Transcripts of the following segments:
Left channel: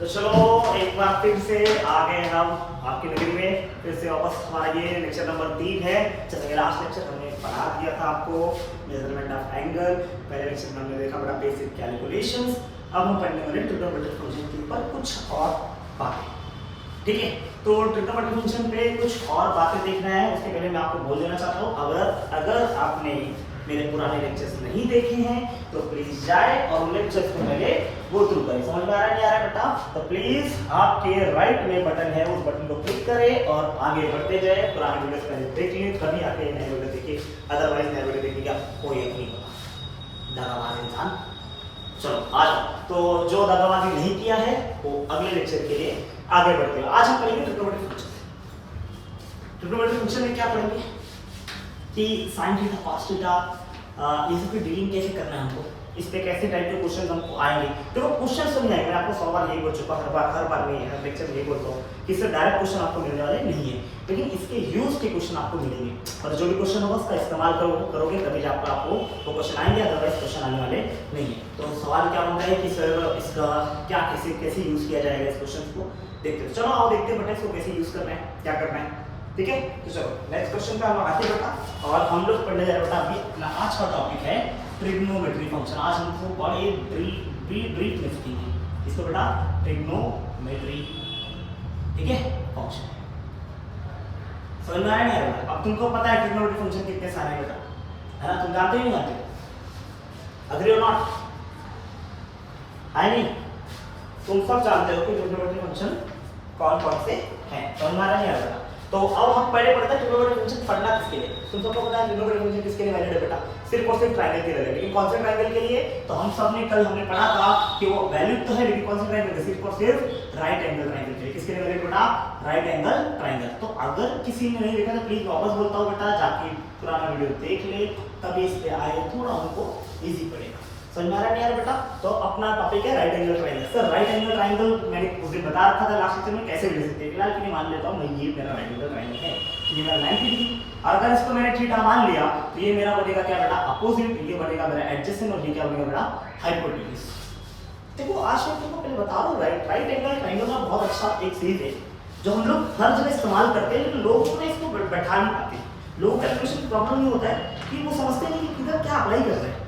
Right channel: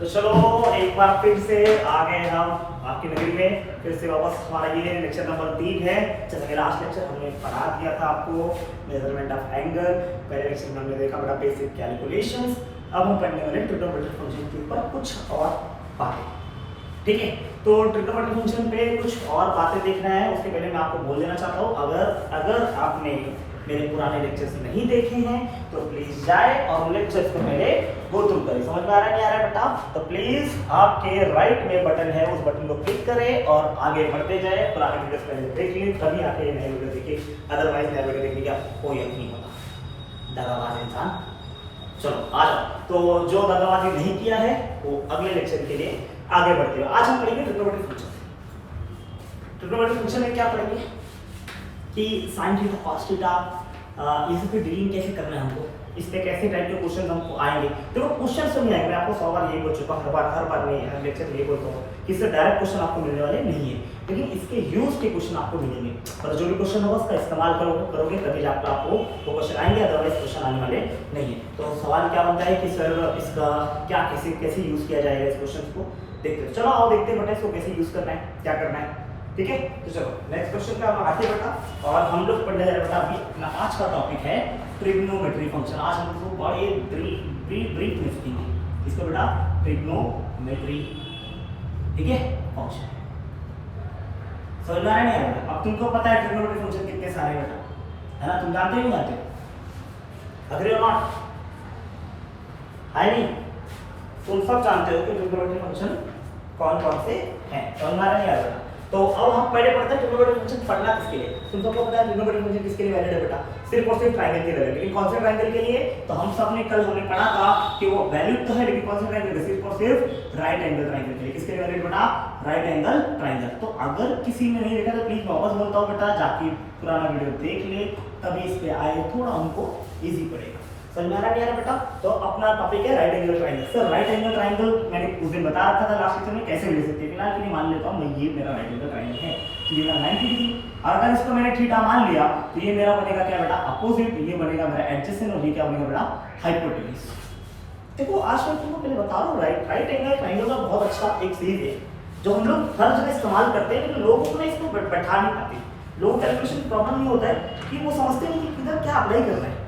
तो चलो एक बार फिर से आ गए हम आपकी नगरी में, फिर से वापस हमारा ये लेक्चर नंबर 3 है। जैसे कि लास्ट लेक्चर हमने पढ़ा दिया था आपको मेजरमेंट ऑफ एंगल, पहले लेक्चर में हमने देखा बड़ा बेसिक कैलकुलेशंस। अब हम पढ़ने वाले ट्रिग्नोमेट्रिक फंक्शन के ऊपर कुछ और बातें, ठीक है। तो ट्रिग्नोमेट्रिक फंक्शन पे कुछ और बातें देखना है, उसके पहले मैं आपको बोल देना चाहता हूँ, अगर आपने मेरे पुराने लेक्चर्स नहीं देखे हैं तो प्लीज जाए और उन लेक्चर्स को मेरे गो थ्रू करें। समझ में आ रहा है नहीं आ रहा है बेटा? तो प्लीज आपके राइट में बटन है, उस बटन को क्लिक करें और आगे बढ़ते जाए। पुराने वीडियोस पहले देख लीजिए तभी आके नए वीडियो देखिए, अदरवाइज नए वीडियो देखने का कोई हक नहीं होता, दगाबाज इंसान। चलो आ जाओ। तो जो दगाबाजी नहीं किया है वो अगले लेक्चर के लिए आगे बढ़ते हैं। आज हम पढ़ेंगे ट्रिग्नोमेट्रिक फंक्शन। ट्रिग्नोमेट्रिक फंक्शन में क्या पढ़ेंगे कि साइन थीटा कॉस थीटा ये सब पे डीलिंग कैसे करना है हमको, इस पे कैसे टाइप के क्वेश्चन हमको आएंगे। देखो क्वेश्चन सब नहीं आएंगे, मैं आपको 100 बार यही बोल चुका, हर बार नहीं है, हर लेक्चर में यही बोलता हूँ कि इससे डायरेक्ट क्वेश्चन आपको मिलने वाले नहीं है, लेकिन इसके यूज के क्वेश्चन आपको मिलेंगे। और जो भी क्वेश्चन होगा उसका इस्तेमाल करोगे तभी जाकर आपको वो क्वेश्चन आएंगे, अदरवाइज क्वेश्चन आने वाले नहीं है। तो सवाल क्या बनता है कि सर इसका क्या कैसे यूज किया जाएगा, इस क्वेश्चन को देखते हैं। चलो आओ देखते हैं बेटा इसको कैसे यूज करना है, क्या करना है, ठीक है। तो चलो नेक्स्ट क्वेश्चन पे हम आगे बढ़ा और हम लोग पढ़ने जा रहे बेटा अभी अपना आज का टॉपिक है ट्रिग्नोमेट्रिक फंक्शन। आज हम लोग बड़े ब्रीफ में सीखेंगे इसको बेटा, ट्रिग्नोमेट्री, ठीक है, फंक्शन। समझ में आ रहा है नहीं आ रहा? अब तुमको पता है ट्रिग्नोमेट्रिक फंक्शन कितने सारे बेटा, है ना? तुम जानते हो नहीं जानते? अग्री और नॉट? है नहीं? तुम सब जानते हो कि ट्रिग्नोमेट्रिक फंक्शन कौन कौन से हैं। समझ में आ रहा है नहीं आ रहा? तो अब हम पहले पढ़ते हैं ट्रिग्नोमेट्रिक फंक्शन पढ़ना किसके लिए। तुम सबको पता है ट्रिग्नोमेट्रिक फंक्शन किसके लिए वैलिड है बेटा? सिर्फ और सिर्फ ट्रायंगल के लिए। लेकिन कौन से ट्रायंगल के लिए? तो हम सब ने कल हमने पढ़ा था कि वो वैलिड तो है, लेकिन कौन से ट्रायंगल के? सिर्फ और सिर्फ राइट एंगल ट्रायंगल के लिए। किसके लिए वैलिड बेटा? Right angle triangle. तो अगर किसी ने नहीं देखा तो प्लीज वापस बोलता हूँ बेटा, जाके पुराना वीडियो देख ले, तभी इस पे आए, थोड़ा उनको इजी पड़ेगा। समझ में आ रहा है यार बेटा? तो अपना टॉपिक है right angle triangle. Sir right angle triangle मैंने उस दिन बता रखा था लास्ट लेक्चर में, कैसे ले सकते हैं। फिलहाल के लिए मान लेता हूं मैं ये मेरा राइट एंगल ट्रायंगल है, ये मेरा 90 डिग्री। अगर इसको मैंने थीटा मान लिया तो ये मेरा बनेगा क्या बेटा? अपोजिट। ये बनेगा मेरा एडजेसेंट और ये क्या बनेगा बेटा? हाइपोटेन्यूज। देखो आज मैं तुमको पहले बता रहा हूं, राइट एंगल ट्रायंगल का बहुत अच्छा एक सीरीज है जो हम लोग हर जगह इस्तेमाल करते हैं, लेकिन लोग उसमें इसको बैठा नहीं पाते। लोगों को कैलकुलेशन प्रॉब्लम ये होता है कि वो समझते नहीं कि किधर क्या अप्लाई करना है।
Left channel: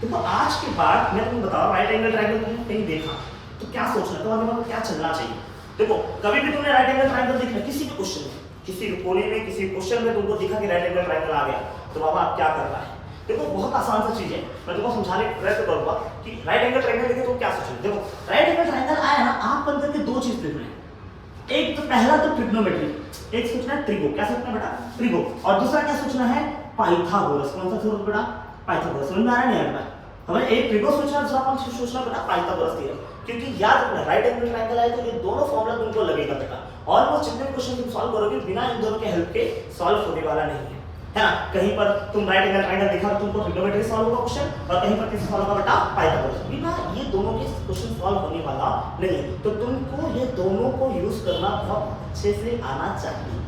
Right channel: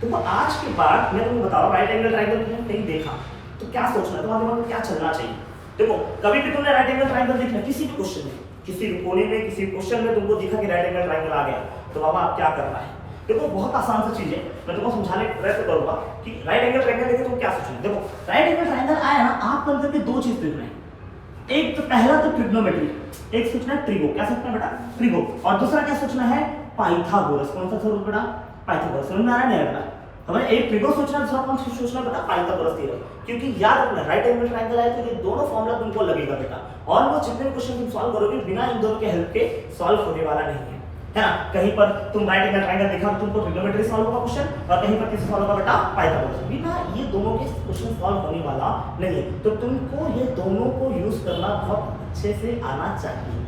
तो आज के बाद मैं तुमको बताऊं राइट एंगल ट्रायंगल तुमने कहीं देखा तो क्या सोचना, तुम्हारे दिमाग में क्या चलना चाहिए। देखो कभी भी तुमने राइट एंगल ट्रायंगल देखा किसी भी क्वेश्चन में, किसी कोने में, किसी क्वेश्चन में तुमको दिखा कि राइट एंगल ट्रायंगल आ गया, तो बाबा आप क्या करना है। देखो बहुत आसान सी चीज है, मैं तुमको समझाने का प्रयत्न करूंगा कि राइट एंगल ट्रायंगल देखे तो क्या सोचोगे। देखो राइट एंगल ट्रायंगल आया ना, आप बन करके दो चीज देखना है। एक तो पहला तो ट्रिग्नोमेट्री, एक सोचना है ट्रिगो। क्या सोचना है बेटा? ट्रिगो। और दूसरा क्या सोचना है? पाइथागोरस। कौन सा स्वरूप बेटा? पाइथागोरस। समझ में आ रहा नहीं आ रहा? हमें एक ट्रिगो सोचना, दूसरा कौन सा सोचना बेटा? Pythagoras theorem. क्योंकि याद रखना राइट एंगल ट्रायंगल आए तो ये दोनों फॉर्मूला तुमको लगेगा बेटा। ऑलमोस्ट जितने क्वेश्चन तुम सॉल्व करोगे बिना इन दोनों के हेल्प के सॉल्व होने वाला नहीं है ना? कहीं पर तुम राइट एंगल ट्रायंगल देखा तो तुमको ट्रिग्नोमेट्री सॉल्व होगा क्वेश्चन, और कहीं पर किसी सॉल्व होगा बेटा पाइथागोरस। बिना ये दोनों के क्वेश्चन सॉल्व होने वाला नहीं है। तो तुमको ये दोनों को यूज करना बहुत अच्छे से आना चाहिए।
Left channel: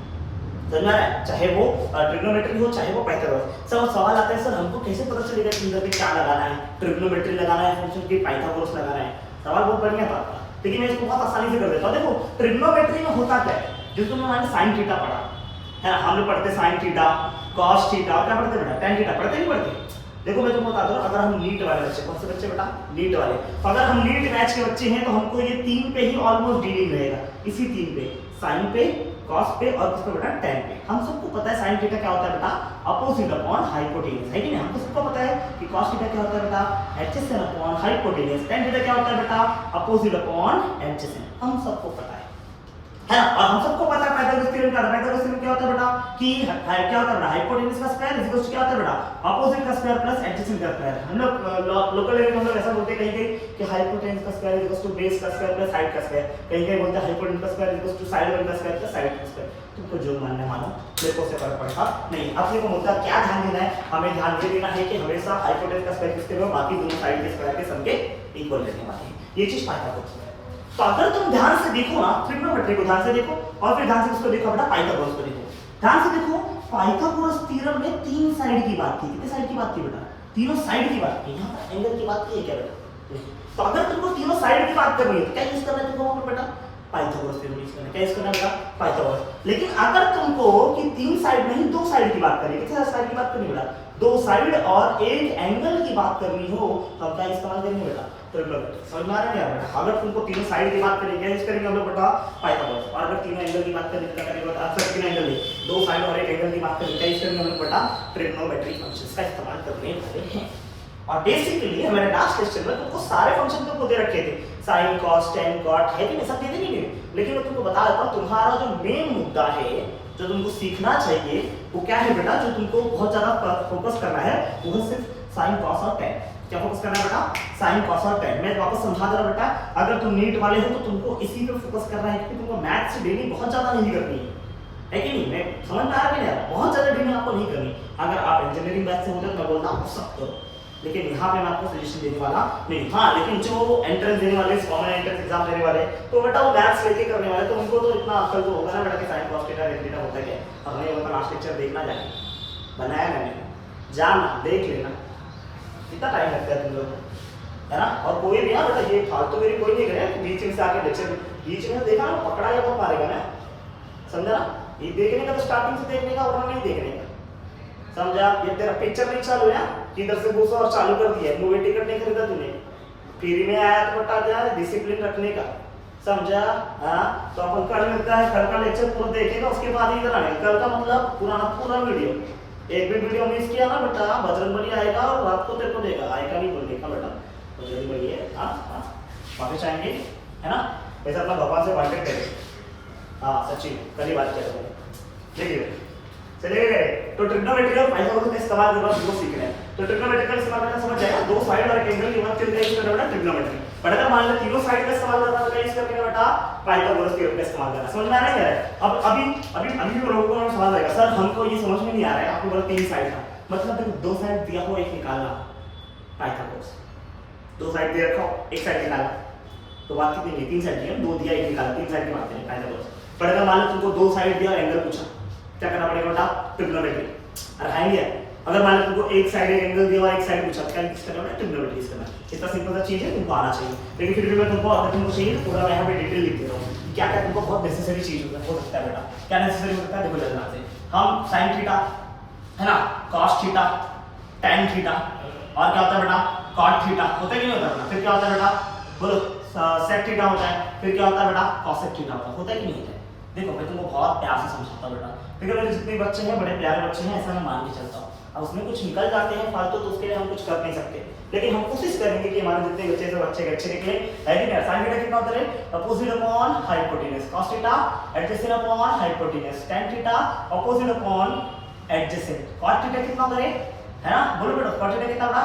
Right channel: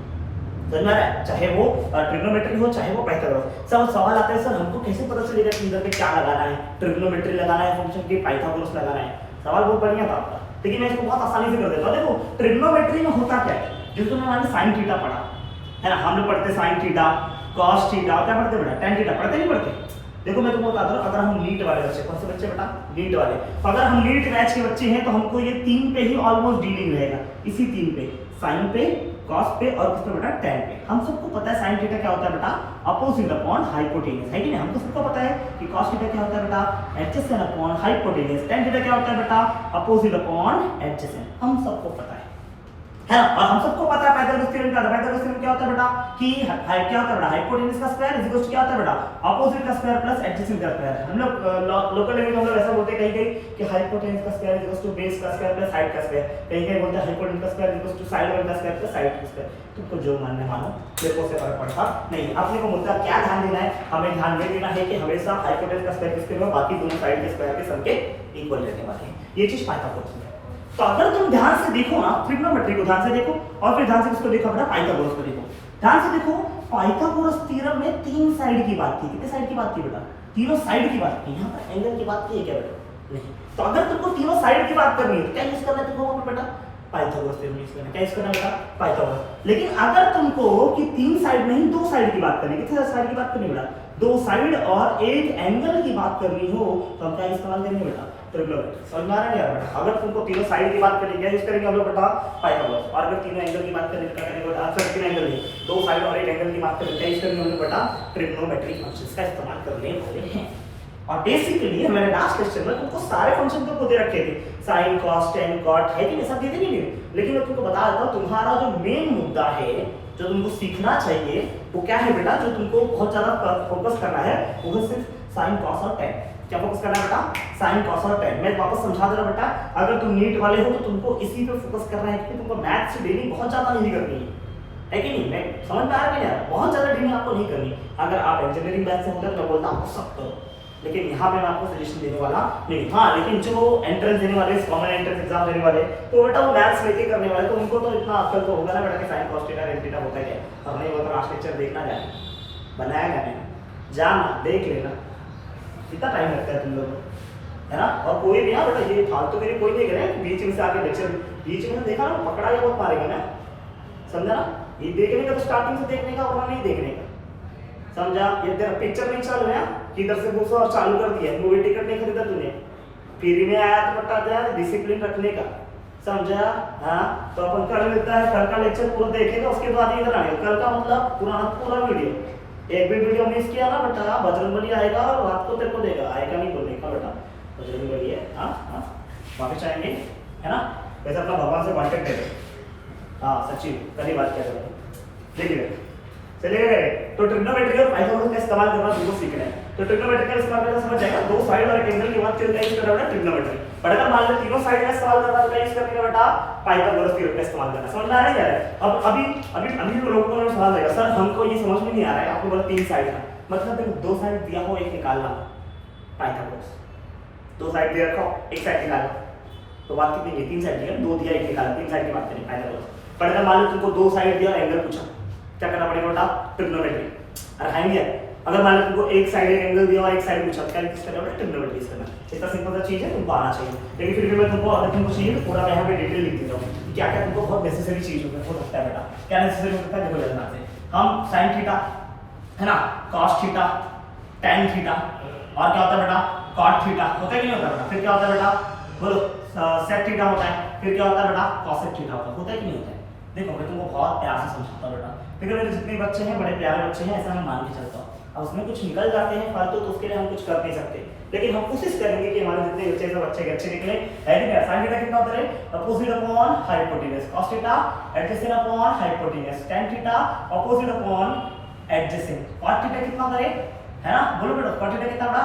समझ में आ रहा है? चाहे वो ट्रिग्नोमेट्री हो चाहे वो पाइथागोरस। सब सवाल आता है सर हमको कैसे पता चलेगा कि इधर पे क्या लगाना है, ट्रिग्नोमेट्री लगाना है फंक्शन की, पाइथागोरस लगाना है। सवाल बहुत बढ़िया था आपका, लेकिन मैं इसको बहुत आसानी से कर देता हूं। देखो ट्रिग्नोमेट्री में होता क्या है, जो तुमने मान लो साइन थीटा पढ़ा है ना, हम लोग पढ़ते साइन थीटा, कॉस थीटा, और क्या पढ़ते बेटा? tan theta. पढ़ते नहीं पढ़ते? देखो मैं तुमको बता दूं, अगर हम लीट वाले बच्चे, कौन से बच्चे बेटा? लीट वाले। अगर हम लीट बैच के बच्चे हैं तो हमको ये तीन पे ही ऑलमोस्ट डीलिंग रहेगा, इसी तीन पे, साइन पे, कॉस पे और किस पे बेटा? tan पे। हम सबको पता है साइन थीटा क्या होता है बेटा? अपोजिट अपॉन हाइपोटेन्यूज, है कि नहीं? हमको सबको पता है कि कॉस थीटा क्या होता है बेटा? Adjacent upon hypotenuse. tan theta क्या होता है बेटा? Opposite upon adjacent. हम सबको पता है ना? और हम सबको पता है पाइथागोरस थ्योरम क्या होता है। पाइथागोरस थ्योरम क्या होता है बेटा? कि क्या होता है बेटा? हाइपोटेन्यूज का स्क्वायर इज इक्वल टू क्या होता है बेटा? अपोजिट का स्क्वायर प्लस एडजेसेंट का स्क्वायर। हम लोग लोकल लेवल में हम लोग ऐसा बोलते हैं कहीं कि हाइपोटेन्यूज का square is equal to base का स्क्वायर प्लस हाइट का स्क्वायर। कहीं बोलते हैं हाइपोटेन्यूज का square is equal to side one का स्क्वायर प्लस साइड का स्क्वायर। तुमको जो मानना है मानो, मेरे को उससे फर्क पड़ता नहीं। अपने को मुद्दा क्या ध्यान देना है? हमें ध्यान ये देना है कि हमेशा हाइपोटेन्यूज का स्क्वायर किसके होगा? बाकी दोनों साइड के स्क्वायर के सम के इक्वल रहने वाले हैं। ये चीज पाइथागोरस में। तो अगर तुम ध्यान से देखो ना, ट्रिग्नोमेट्री को ध्यान से देखो और फिर ध्यान से उसको देखो बेटा पाइथागोरस को देखो। ध्यान से देखो, पाइथागोरस थ्योरम में तीन साइड की बात थी। कितने साइड की बात थी बेटा? तीनों साइड की बात की। यहाँ पर एंगल की बात की है क्या बेटा? नहीं। तो अगर तुमको तीनों साइड की बात करनी है तो क्या यूज करना है तुमको बेटा? पाइथागोरस थ्योरम यूज करना। क्या यूज करना बेटा? पाइथागोरस। लेकिन अगर तुमको कि 3 साइड नहीं 2 साइड की बात करनी, कितने साइड की बात करनी बेटा? 2 साइड और एक एंगल की बात करनी हो तो हम क्या इस्तेमाल करेंगे बेटा? ट्रिग्नोमेट्री। समझ में आ रहा है बेटा? अगर तुमको तीनों साइड की बात करनी है यूज करेंगे हम लोग बेटा पाइथागोरस, और अगर तीनों एंगल की बात करनी क्या करेंगे बेटा? फिर तीनों एंगल नहीं, 2 साइड और एक एंगल की बात करेंगे क्या यूज करेंगे हम लोग बेटा? ट्रिग्नोमेट्री फंक्शंस का इस्तेमाल करने वाले हैं। और बेसिकली मैंने लास्ट लेक्चर में तुमको सारे फंक्शन तुमको दे रखे थे, sin cos tan cot है कि नहीं, सब दे देंगे नहीं, लेकिन मैं तुमको बता देता हूं तुम्हारा जो मेन मुद्दा है जो तुमको सीखना चाहिए वो क्या है बेटा? जो तुमको बहुत ज्यादा फोकस करना है वो सिर्फ sin cos और tan। क्या फोकस करना है बेटा? sin cos और tan। मैं वापस समझा दे रहा बेटा, अगर तुम नीट वाले हो तो तुमको इसी पे फोकस करना है क्योंकि तुमको मैथ्स से डेली बहुत ज्यादा नहीं करनी है कि नहीं? मैं समझ में आ रहा है कि नहीं? बहुत ज्यादा डेली आपको नहीं करनी। अगर आप इंजीनियरिंग मैथ्स से होते तो मैं बोलता हूं सब करो, लेकिन यहाँ पे मैं आपको सजेशन देने वाला नहीं। हाँ, लेकिन जो एंट्रेंस देने वाले, कॉमन एंट्रेंस एग्जाम देने वाले, तो बेटा वो मैथ्स लेके करने वाले, तो उनको तो इतना अक्ल तो होगा ना बेटा कि sin cos theta tan theta होता है क्या? हमने वो तो लास्ट लेक्चर देखना जाए, बनाया मैंने, जाना देख लेना, कितना टाइम लगता है तुम लोग को, है ना? और कोई भी बेटा ये फालतू मेरी कोई नहीं करे बीच में से आके लेक्चर बीच में देखा ना पकड़ा या बहुत मारेगा ना, समझा ना? ये देखने का तो स्टार्टिंग से देखने का और नहीं देखने का, समझा? ये तेरा पिक्चर नहीं चालू है किधर से घुसो और चालू कर दिया, मूवी टिकट नहीं खरीदा तूने, फ्री में आया तो बता दिया डिसिप्लिन रखने का, समझा? हाँ, तो अपन कल मिलता है, कल का लेक्चर पूरा देखेगा उसके बाद इधर आएगा। कल का मतलब पूरा वीडियो, एक भी वीडियो मिस किया ना बेटा बजरंगबली आएगा और रात को तेरे को देगा, आएगा नहीं बोलने का बेटा, बजरंगबली है। हाँ हाँ, वापस आएंगे, है ना? वैसे अपना भगवान से कांटेक्ट करें। हाँ सच्ची कल ही बात किया था मैंने, देखिए चलिए। तो ट्रिग्नोमेट्री और पाइथागोरस का इस्तेमाल करना तुमको सीखना है। तो ट्रिग्नोमेट्री का इस्तेमाल करना समझ जाएगा, 2 साइड और एक एंगल की बात करना यूज करना बेटा ट्रिग्नोमेट्री। बट अगर मान लो तीनों साइड का इस्तेमाल करना है तो यूज करने का बेटा पाइथागोरस थ्योरम का इस्तेमाल करना। समझ में आ रहा है क्या? अब अभी तो लोगों को सवाल आएगा, सर हमको ये समझ में नहीं आ रहा है, आपको बोला 3 साइड है, मतलब देखो 2 साइड दिया हो एक निकालना पाइथागोरस, 2 साइड दे रखो एक साइड निकालना, तो बात कितनी है? 3 साइड दिया, 2 दिया एक निकाला, 3 साइड की बात करें पाइथागोरस। बट अगर मान लो तुमको 2 साइड दिया एंगल पूछा, क्या करना पड़ेगा बेटा? ट्रिग्नोमेट्री। अरे खाएंगे। अगर मान लो तुमको एक साइड एक एंगल दिया और एक साइड पूछा, क्या यूज करना बेटा? ट्रिग्नोमेट्री यूज करना। इतना सिंपल सा चीज है, तुमको आना चाहिए। लेकिन फिर भी मैं तुमको अगर तुमको चाहिए तो पूरा मैं यहाँ पे डिटेल लिख देता हूँ क्या क्या तुमको बहुत नेसेसरी चीज हो सकता है बेटा। क्या नेसेसरी हो सकता है देखो ध्यान से, हम sin थीटा है ना, cos थीटा, tan थीटा, और क्या होता है बेटा? cot थीटा होता है कि नहीं होता बेटा? फिर क्या होता है बेटा? बोलो sec थीटा होता है, फिर क्या होता है बेटा? cosec थीटा होता है कि नहीं होता है? देखो मैं तुमको बहुत प्यार से समझाता हूं बेटा, देखो मेरे जितने बच्चे हैं बड़े प्यारे बच्चे हैं, ऐसा मैं मान के चलता हूँ। अब उसमें कुछ निकल जाते हैं फालतू तो उसके लिए हम कुछ कर नहीं सकते, लेकिन हम कोशिश करेंगे कि हमारे जितने बच्चे सब अच्छे निकले। है कि नहीं? sin थीटा कितना होता है? Opposite upon hypotenuse. cos theta adjacent upon hypotenuse. tan theta opposite upon adjacent. cot theta कितना होता है? है ना? बोलो बेटा cot थीटा कितना होता?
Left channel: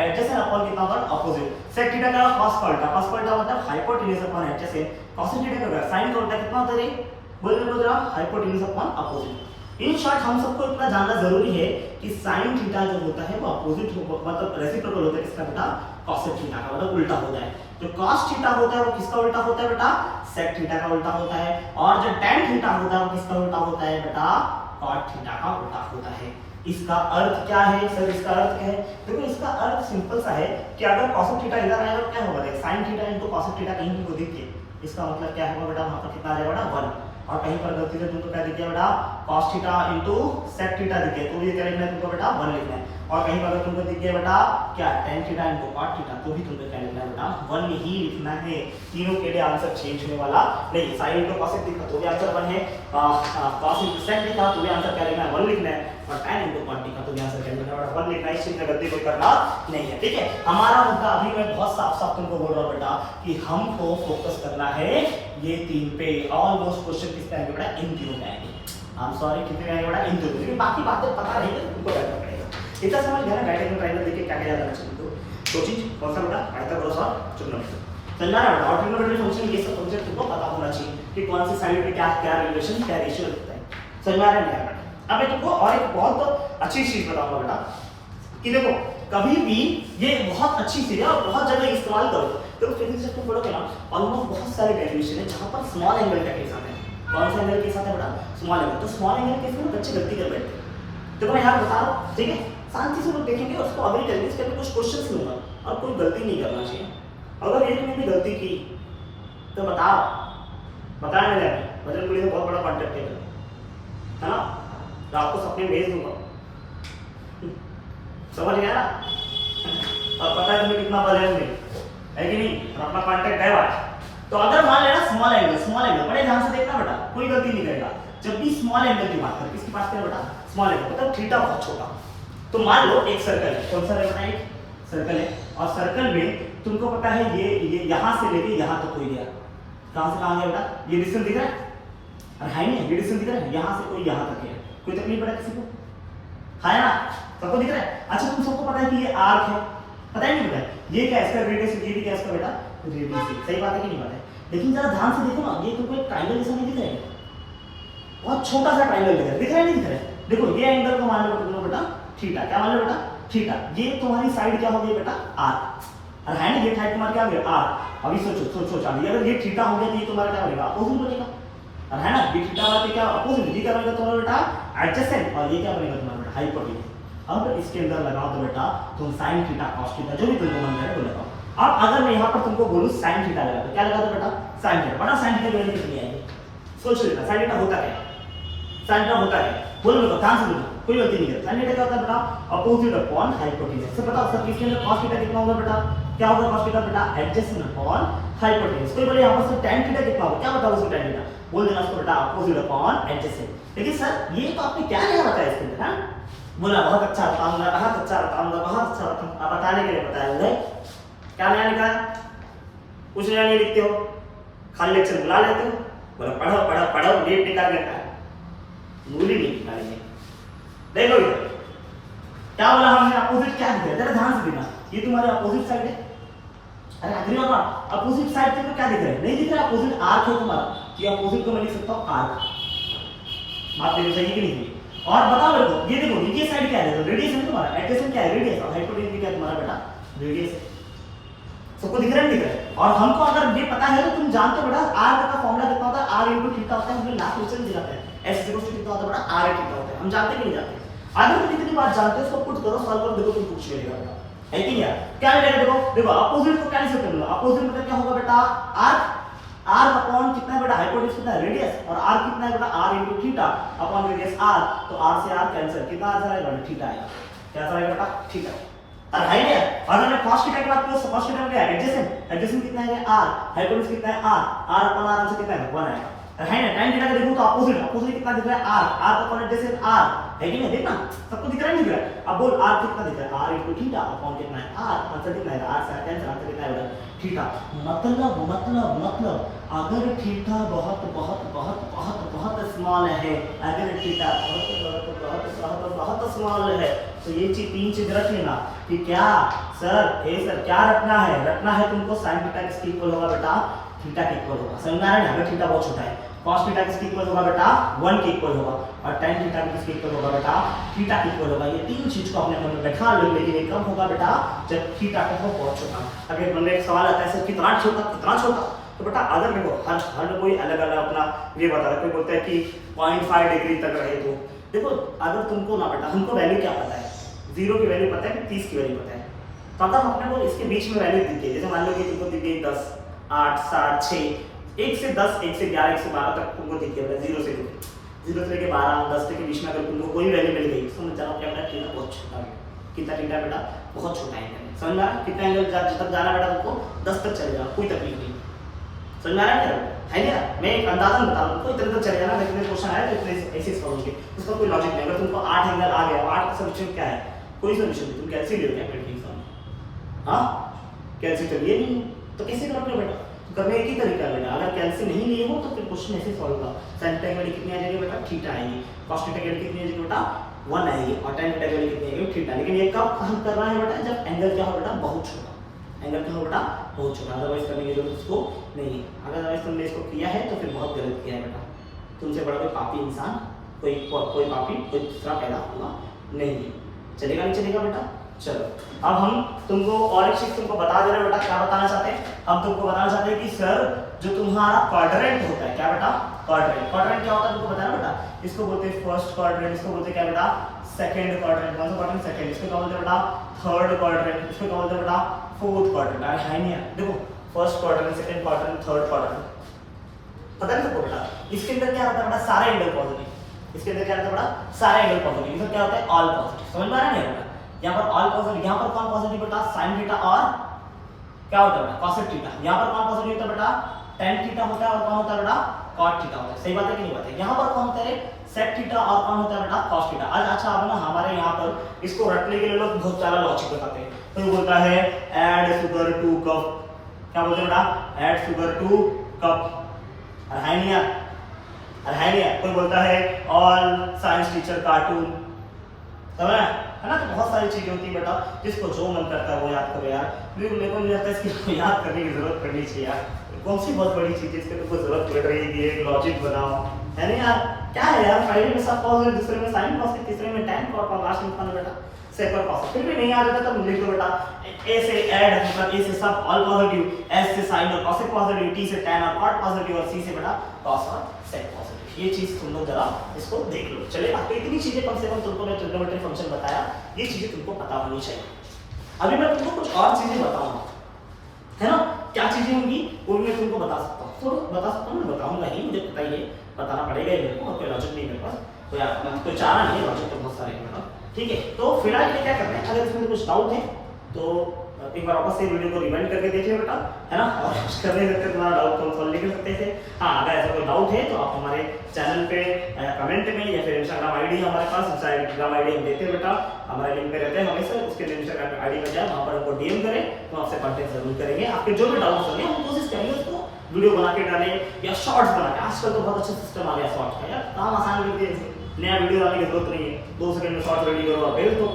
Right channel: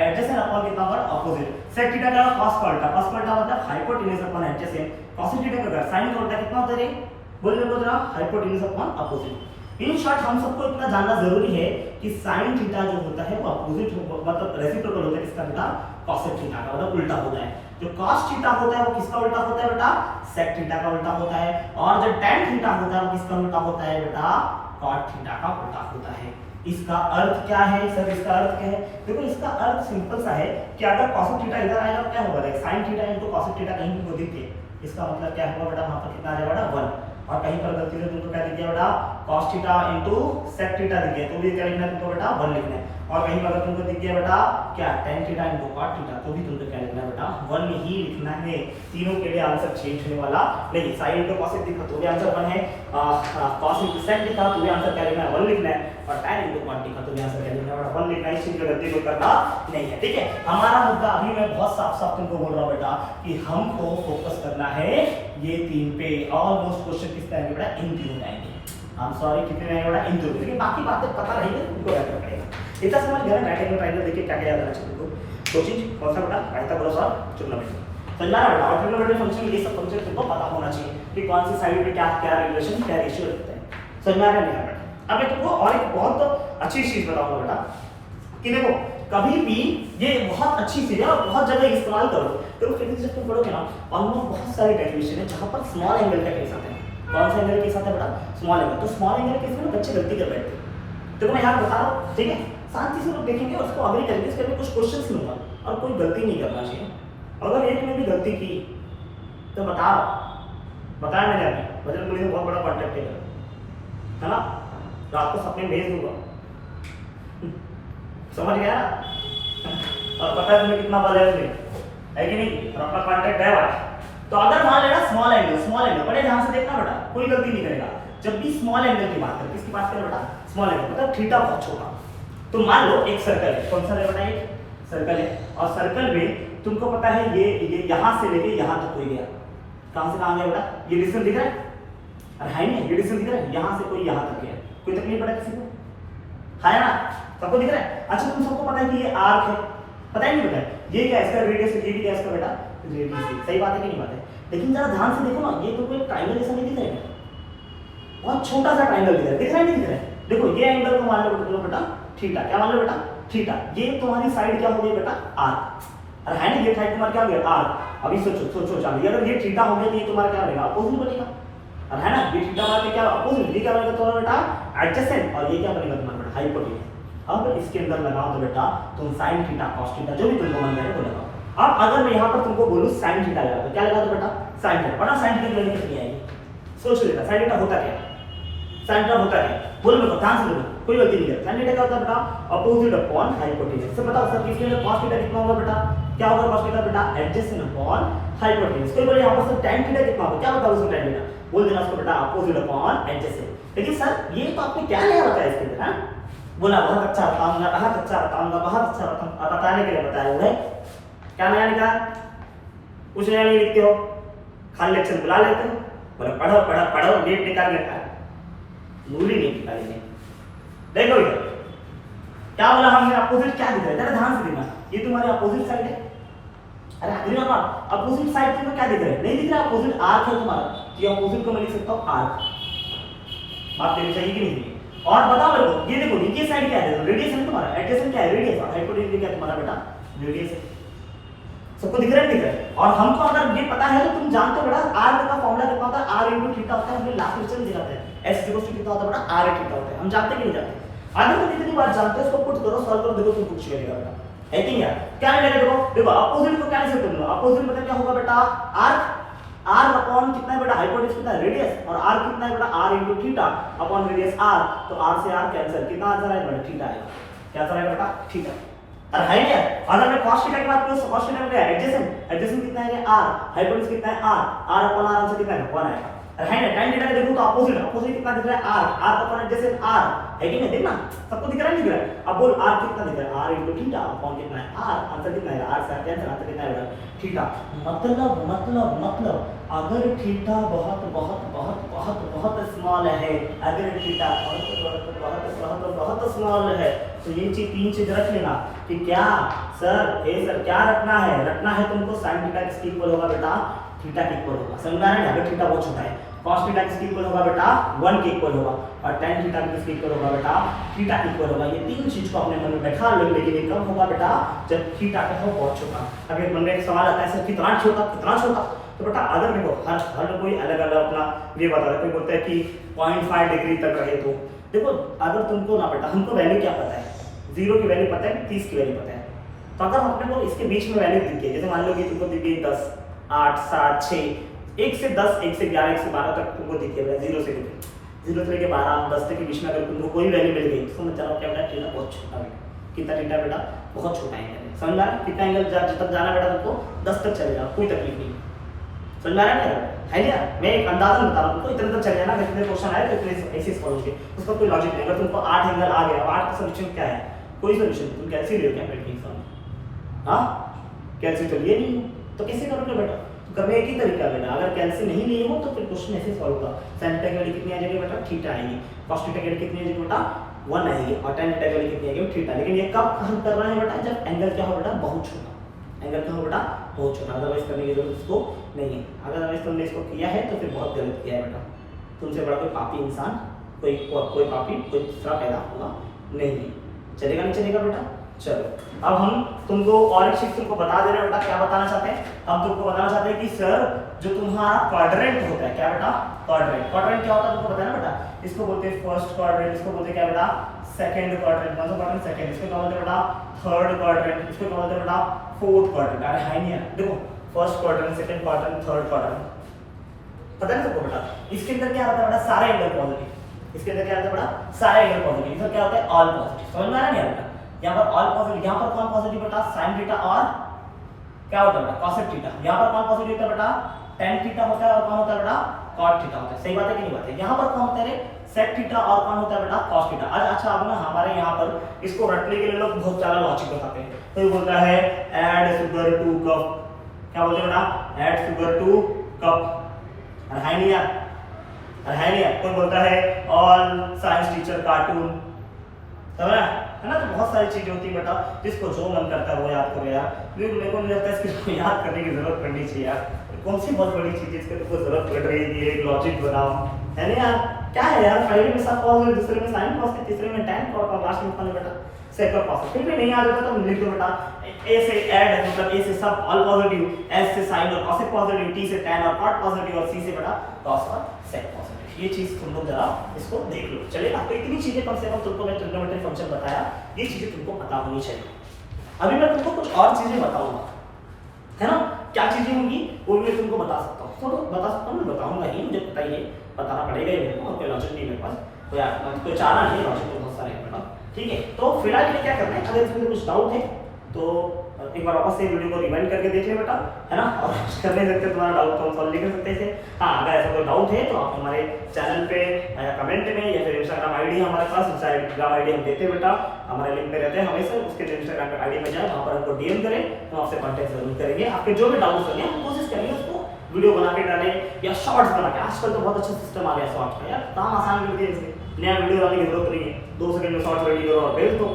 एडजेसेंट अपॉन कितना होता? अपोजिट। sec थीटा का cos का उल्टा, cos का उल्टा मतलब hypotenuse upon adjacent. cos theta का sin का उल्टा कितना होता है? बोलो जरा hypotenuse upon opposite. In short हम सबको इतना जानना जरूरी है कि sin थीटा जो होता है वो अपोजिट मतलब रेसिप्रोकल होता है किसका बेटा? cosec थीटा का, मतलब उल्टा होता है। जो cos थीटा होता है वो किसका उल्टा होता है बेटा? sec थीटा का उल्टा होता है। और जो tan थीटा होता है वो किसका उल्टा होता है बेटा? cot थीटा का उल्टा होता है। इसका अर्थ क्या है सर? इसका अर्थ क्या है? देखो इसका अर्थ सिंपल सा है कि अगर cosec थीटा इधर आएगा तो क्या होगा? sin theta into cosec theta कहीं भी को दिख के, इसका मतलब क्या होगा बेटा? वहां पर कितना आ जाएगा बेटा? 1। और कहीं पर गलती से तुमको क्या दिख गया बेटा? cos theta into sec theta दिख गया, तो ये क्या लिखना है तुमको बेटा? 1 लिखना है। और कहीं पर अगर तुमको दिख गया बेटा क्या tan theta into cot theta, तो भी तुमको क्या लिखना है बेटा? 1 ही लिखना है। तीनों के लिए आंसर चेंज होने वाला नहीं। sin इनटू cos दिखा तो भी आंसर 1 है, cos इनटू sec दिखा तो भी आंसर क्या लिखना है? 1 लिखना है। और tan इनटू cot दिखा तो भी आंसर क्या लिखना है बेटा? 1 लिखना है। इस चीज में गलती को करना नहीं है, ठीक है? हमारा मुद्दा अभी मैं बहुत साफ तुमको बोल रहा हूं बेटा कि हमको फोकस करना है ये 3 पे। ऑलमोस्ट क्वेश्चन किस पे आएंगे बेटा? इन 3 पे आएंगे। हम सॉरी कितने आएंगे बेटा? इन 2, लेकिन बाकी बातें पता नहीं है तुमको क्या करना पड़ेगा। इतना समझ गया ना? राइट एंगल ट्रायंगल देखिए क्या क्या याद आना चाहिए तुमको। दो चीज कौन सा बेटा? पाइथागोरस और ट्रिग्नोमेट्री। समझा ना बेटा? और ट्रिग्नोमेट्री फंक्शन ये सब फंक्शन तुमको पता होना चाहिए कि कौन सी साइड पे क्या क्या रिलेशन क्या रेशियो रखते हैं। समझ में आ रहा है नहीं बेटा? अब मैं तुमको और एक बहुत अच्छी चीज बताऊंगा बेटा कि देखो कभी भी ये बहुत अच्छी चीज है और बहुत जगह इस्तेमाल करो। देखो फिजिक्स जब तुम पढ़ोगे ना ऑलमोस्ट बहुत सारे डेरिवेशन है जहां पर स्मॉल एंगल का केस आता है। कौन सा एंगल के साथ है बेटा? Small angle. तो स्मॉल एंगल के केस में बच्चे गलती कर बैठते हैं। तो मैं यहाँ बता रहा हूँ, ठीक है? शांति से लोग देखेंगे और उसको अग्री करेंगे, इसके लिए कुछ क्वेश्चंस लूंगा और कोई गलती नहीं करना चाहिए। अगर एक ने भी गलती की तो बताओ बताया मैंने अभी, बजरंगबली से बहुत बड़ा कॉन्टेक्ट है ना, रात को सपने भेज दूंगा। समझ गया ना? और पता है तुम्हें कितना बजट में है कि नहीं, और अपना कॉन्टेक्ट है भाई। तो अगर मान लेना स्मॉल एंगल बड़े ध्यान से देखना बेटा, कोई गलती नहीं करेगा। जब भी स्मॉल एंगल की बात करें, किसकी बात करें बेटा? स्मॉल एंगल मतलब थीटा बहुत छोटा। तो मान लो एक सर्कल है, कौन सा है बेटा? एक सर्कल है, और सर्कल में तुमको पता है ये यहां से लेके यहां तक कोई गया, कहां से कहां गया बेटा? ये डिस्टेंस दिख रहा है? अरे है नहीं, ये डिस्टेंस दिख रहा है, यहां से कोई यहां तक गया, कोई तकलीफ पड़ा किसी को? है ना, सबको दिख रहा है। अच्छा तुम सबको पता है कि ये आर्क है, पता है नहीं पता है? ये क्या है इसका रेडियस, ये भी क्या है इसका बेटा? रेडियस। सही बात है कि नहीं बात है? लेकिन जरा ध्यान से देखो ना, ये तो कोई ट्रायंगल जैसा नहीं दिख रहा है, बहुत छोटा सा ट्रायंगल दिख रहा है, दिख रहा है नहीं दिख रहा है? देखो ये एंगल को मान लो बेटा थीटा, क्या मान लो बेटा? थीटा। ये तुम्हारी साइड क्या हो गई बेटा? आर्क। और है ना, ये साइड तुम्हारा क्या हो गया? आर्क। अभी सोचो सोचो चांदी, अगर ये थीटा हो गया तो ये तुम्हारा क्या बनेगा? अपोजिट बनेगा। और है ना, ये थीटा वाला क्या अपोजिट, ये क्या बनेगा तुम्हारा बेटा? एडजेसेंट। और ये क्या बनेगा तुम्हारा बेटा? हाइपोटेन्यूज। अब इसके अंदर लगाओ तो बेटा तुम sin थीटा cos थीटा जो भी तुमको मन करे वो लगाओ। अब अगर मैं यहाँ पर तुमको बोलूं sin थीटा लगा, तो क्या लगा दो बेटा? sin theta. पता sin थीटा की वैल्यू कितनी आएगी? सोच लो sin थीटा होता क्या? sin थीटा होता क्या? बोलो बेटा, ध्यान से बोलो, कोई गलती नहीं है। sin थीटा क्या होता है बेटा? Opposite upon hypotenuse. तो बताओ सर किसके अंदर cos थीटा कितना होगा बेटा? क्या होगा cos थीटा बेटा? Adjacent upon hypotenuse. कोई बोले यहाँ पर सर tan थीटा कितना होगा? क्या बताओ उसको tan थीटा? बोल देना उसको बेटा अपोजिट अपॉन एडजेसेंट। लेकिन सर ये तो आपने क्या नहीं बताया इसके अंदर? हां बोला बहुत अच्छा बताऊंगा, बहुत अच्छा बताऊंगा, बहुत अच्छा बताऊंगा। आप बताने के लिए बताया है, क्या नया लिखा है? कुछ नया नहीं लिखते हो, खाली लेक्चर बुला लेते हो, बोला पढ़ो पढ़ो पढ़ो, डेट निकाल लेता है, मूली नहीं निकालेंगे। देखो इधर क्या बोला हमने? अपोजिट क्या दिख रहा है? जरा ध्यान से देखना, ये तुम्हारी अपोजिट साइड है। अरे अग्री और नॉट, अपोजिट साइड तुम्हें क्या दिख रहा है? नहीं दिख रहा, अपोजिट आर्क है तुम्हारा, तो ये अपोजिट को मैं लिख सकता हूं आर्क। बात तेरी सही की नहीं? और बता मेरे को, ये देखो नीचे साइड क्या है? रेडियस है तुम्हारा, एडजेसेंट क्या है? रेडियस। और हाइपोटेन्यूज क्या है तुम्हारा बेटा? रेडियस है। सबको दिख रहा है नहीं दिख रहा है? और हमको अगर ये पता है तो तुम जानते हो बेटा r का फार्मूला कितना होता है? r * थीटा होता है, हमने लास्ट लेक्चर में दिखाते हैं। s कितना होता है बेटा? r थीटा होता है। हम जानते कि नहीं जानते? आगे तो जितनी बात जानते हो उसको पुट करो, सॉल्व करो, देखो तुम कुछ मिलेगा बेटा, है कि नहीं यार? क्या मिलेगा देखो, देखो अपोजिट को कैंसिल कर लो। अपोजिट मतलब क्या होगा बेटा? r r अपॉन कितना है बेटा? हाइपोटेन्यूज कितना है? रेडियस। और r कितना है बेटा? r * theta upon radius r, तो r से r कैंसिल, कितना आंसर आएगा बेटा? थीटा आएगा। क्या आंसर आएगा बेटा? थीटा। और है क्या? अगर मैं cos थीटा की बात करूं, cos थीटा में क्या है? एडजेसेंट। एडजेसेंट कितना है? r। हाइपोटेन्यूज कितना है? r। r upon r answer कितना है? 1 आएगा। और है ना, tan थीटा का देखो तो अपोजिट, अपोजिट कितना दिख रहा है? r। r upon adjacent r, है कि नहीं? देखना सबको दिख रहा है नहीं दिख रहा है? अब बोल r कितना दिख रहा है? r * थीटा अपॉन कितना है? r। आंसर कितना है? r से r कैंसिल, आंसर कितना है? थीटा। मतलब अगर थीटा बहुत बहुत बहुत बहुत बहुत स्मॉल है, अगर थीटा बहुत स्मॉल है, तो ये तीन चीज रख लेना कि क्या सर, ए सर क्या रखना है? रखना है तुमको sin थीटा किसके इक्वल होगा बेटा? थीटा के इक्वल होगा। समझ आ रहा है? अगर थीटा बहुत छोटा है, cos थीटा किसके इक्वल होगा बेटा? 1 के इक्वल होगा। और tan थीटा किसके इक्वल होगा बेटा? थीटा के इक्वल होगा। ये तीन चीज को अपने मन में बैठा लो, लेकिन ये कब होगा बेटा? जब थीटा का हो बहुत छोटा। अगर मन में एक सवाल आता है सर कितना छोटा, कितना छोटा? तो बेटा अगर देखो हर कोई अलग अलग अपना ये बताता है। कोई बोलता है कि 0.5 डिग्री तक रहे तो देखो, अगर तुमको ना बेटा, हमको वैल्यू क्या पता है? 0 की वैल्यू पता है, 30 की वैल्यू पता है। तो अगर अपने को इसके बीच में वैल्यू दिख गई, जैसे मान लो कि तुमको दिख गई 10, 8, 7, 6, 1 से 10, 1 से 11, 1 से 12 तक तुमको दिख गया, 0 से लेके 12, 10 तक के बीच में अगर तुमको कोई वैल्यू मिल गई, समझ जाओ कि अपना थीटा बहुत छोटा है। कितना थीटा बेटा? बहुत छोटा एंगल है। समझ आ रहा है? कितना एंगल जब तक जाना बेटा तुमको 10 तक चले जाओ, कोई तकलीफ नहीं। समझ आ रहा है क्या? मैं एक अंदाजन बता रहा हूँ, कोई इतना तक चले जाना, इतने क्वेश्चन आए तो इतने ऐसे सॉल्व होंगे, उसका कोई लॉजिक नहीं। अगर तुमको 8 एंगल आ गया, 8 का सॉल्यूशन क्या है? कोई सॉल्यूशन नहीं। तुम कैसे ले क्या पेंटिंग सॉल्व? हां कैसे तो लिए नहीं, तो कैसे करोगे बेटा? करने एक ही तरीका लेना। अगर कैंसिल नहीं लिए हो तो फिर क्वेश्चन ऐसे सॉल्व होगा। sin थीटा की वैल्यू कितनी आ जाएगी बेटा? थीटा आएगी। cos थीटा की वैल्यू कितनी आ जाएगी बेटा? 1 आएगी। और tan थीटा की वैल्यू कितनी आएगी? थीटा। लेकिन ये कब हम कर रहे हैं बेटा? जब एंगल क्या हो बेटा? बहुत छोटा। एंगल क्या हो बेटा? बहुत छोटा। अदरवाइज करने की जरूरत इसको नहीं है। अगर तुमने इसको किया है तो फिर बहुत गलत किया है बेटा। तुमसे बड़ा कोई पापी इंसान, कोई पापी, कोई दूसरा पैदा होगा नहीं है। चलेगा नहीं चलेगा बेटा? चलो अब हम तुमको और एक चीज तुमको बता दे रहे हैं बेटा। क्या बताना चाहते हैं? हम तुमको बताना चाहते हैं कि सर जो तुम्हारा क्वाड्रेंट होता है, क्या बेटा? क्वाड्रेंट क्या होता है तुमको पता है बेटा? इसको बोलते हैं फर्स्ट क्वाड्रेंट, इसको बोलते हैं क्या बेटा? Second quadrant. कौन सा क्वाड्रेंट? सेकंड। इसको क्या बोलते हैं बेटा? Third quadrant. इसको क्या बोलते हैं बेटा? Fourth quadrant. अरे है नहीं है, देखो first quadrant, second quadrant, third quadrant, पता है तुमको? इसके अंदर क्या होता है बेटा, सारे एंगल पॉजिटिव। इसके अंदर क्या होता है बेटा, सारे एंगल पॉजिटिव। इधर क्या होता है, ऑल पॉजिटिव। समझ में आ रहा है बेटा, यहाँ पर ऑल पॉजिटिव, यहाँ पर कौन पॉजिटिव बेटा, साइन थीटा और क्या होता है बेटा, कॉसेक थीटा। यहाँ पर कौन पॉजिटिव होता है बेटा, tan थीटा होता है, और कौन होता है बेटा, cot थीटा होता है। सही बात है कि नहीं बात है। यहाँ पर कौन होता है, sec थीटा, और कौन होता है बेटा, cos थीटा। आज अच्छा अब ना हमारे यहाँ पर इसको रटने के लिए लोग बहुत सारा लॉजिक बताते हैं। कोई बोलता है add sugar to cup, क्या बोलते हैं बेटा, add sugar to cup, अरे है नहीं यार, अरे है नहीं यार। कोई बोलता है all science teacher cartoon, समझ है ना। तो बहुत सारी चीजें होती है बेटा, जिसको जो मन करता है वो याद करो यार। मेरे को नहीं लगता है इसको याद करने की जरूरत पड़नी चाहिए यार। कौन सी बहुत बड़ी चीज जिसके लिए कोई जरूरत पड़ रही है कि एक लॉजिक बनाओ, है ना यार। क्या है यार, पहले में सब कॉस है, दूसरे में साइन कॉस है, तीसरे में tan कॉस, और लास्ट में कौन है बेटा, सेक और कॉस। फिर भी नहीं याद होता तो लिख दो बेटा, ए से ऐड मतलब ए से सब ऑल पॉजिटिव, एस से साइन और कॉसेक पॉजिटिव, टी से tan और कॉट पॉजिटिव, और सी से बेटा कॉस और सेक पॉजिटिव। ये चीज तुम लोग जरा इसको देख लो, चलेगा। तो इतनी चीजें कम से कम तुमको मैं ट्रिग्नोमेट्री फंक्शन बताया, ये चीजें तुमको पता होनी चाहिए। अभी मैं तुमको कुछ और चीजें बताऊंगा, है ना। क्या चीजें होंगी वो भी मैं तुमको बता सकता हूँ, तो बता सकता हूँ, मैं बताऊंगा ही, मुझे पता ही है, बताना पड़ेगा ही मेरे को, कोई लॉजिक नहीं मेरे पास, कोई चारा नहीं है, लॉजिक तो बहुत सारे हैं बेटा, ठीक है। तो फिलहाल ये क्या कर रहे हैं, अगर इसमें कुछ डाउट है तो एक बार वापस से वीडियो को रिवाइंड करके देख ले बेटा, है ना। और कर नहीं सकते तुम्हारा डाउट तो सॉल्व नहीं कर सकते थे। हाँ, अगर ऐसा कोई डाउट है तो आप हमारे चैनल पे कमेंट में, या फिर इंस्टाग्राम आईडी है हमारे पास, इंस्टाग्राम आईडी हम देते हैं बेटा, हमारे लिंक पे रहते हैं हमेशा, उसके लिए इंस्टाग्राम आईडी में जाए, वहाँ पर हमको डीएम करें, तो आपसे कॉन्टेक्ट जरूर करेंगे। आपके जो भी डाउट्स होंगे हम कोशिश करेंगे उसको वीडियो बना के डालें, या शॉर्ट्स बना के। आजकल तो बहुत अच्छा सिस्टम आ गया शॉर्ट्स का यार, काम आसान कर दिया इसे, नया वीडियो डालने की जरूरत नहीं है, 2 सेकंड में शॉर्ट्स रेडी करो और भेज दो,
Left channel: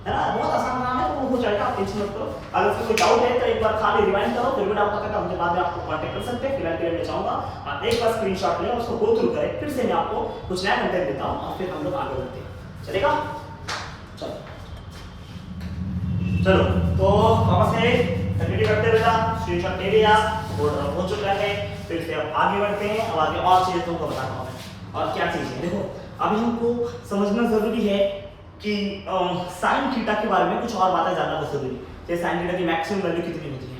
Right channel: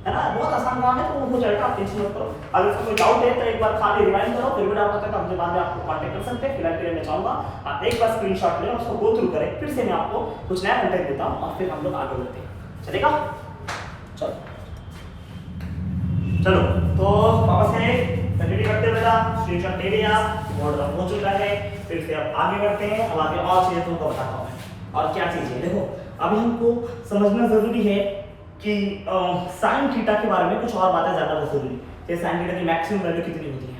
है ना। बहुत आसान काम है, तो वो हो जाएगा, आप टेंशन मत करो। अगर उसका कोई डाउट है तो एक बार खाली रिवाइंड करो, फिर भी डाउट आता है तो हमसे बाद में आपको कांटेक्ट कर सकते हैं। फिलहाल के लिए मैं चाहूंगा आप एक बार स्क्रीनशॉट लें, उसको गो थ्रू करें, फिर से मैं आपको कुछ नया कंटेंट देता हूं, और फिर हम लोग आगे बढ़ते हैं, चलेगा। चलो तो वापस से कंटिन्यू करते हैं बेटा, स्क्रीनशॉट ले लिया, बोर्ड रन हो चुका है, फिर से अब आगे बढ़ते हैं। अब आगे और चीजें तुमको बताता हूं मैं, और क्या चीजें देखो, अभी हमको समझना जरूरी है कि साइन थीटा के बारे में कुछ और बातें जानना बहुत जरूरी है। जैसे साइन थीटा की मैक्सिमम वैल्यू कितनी होती है,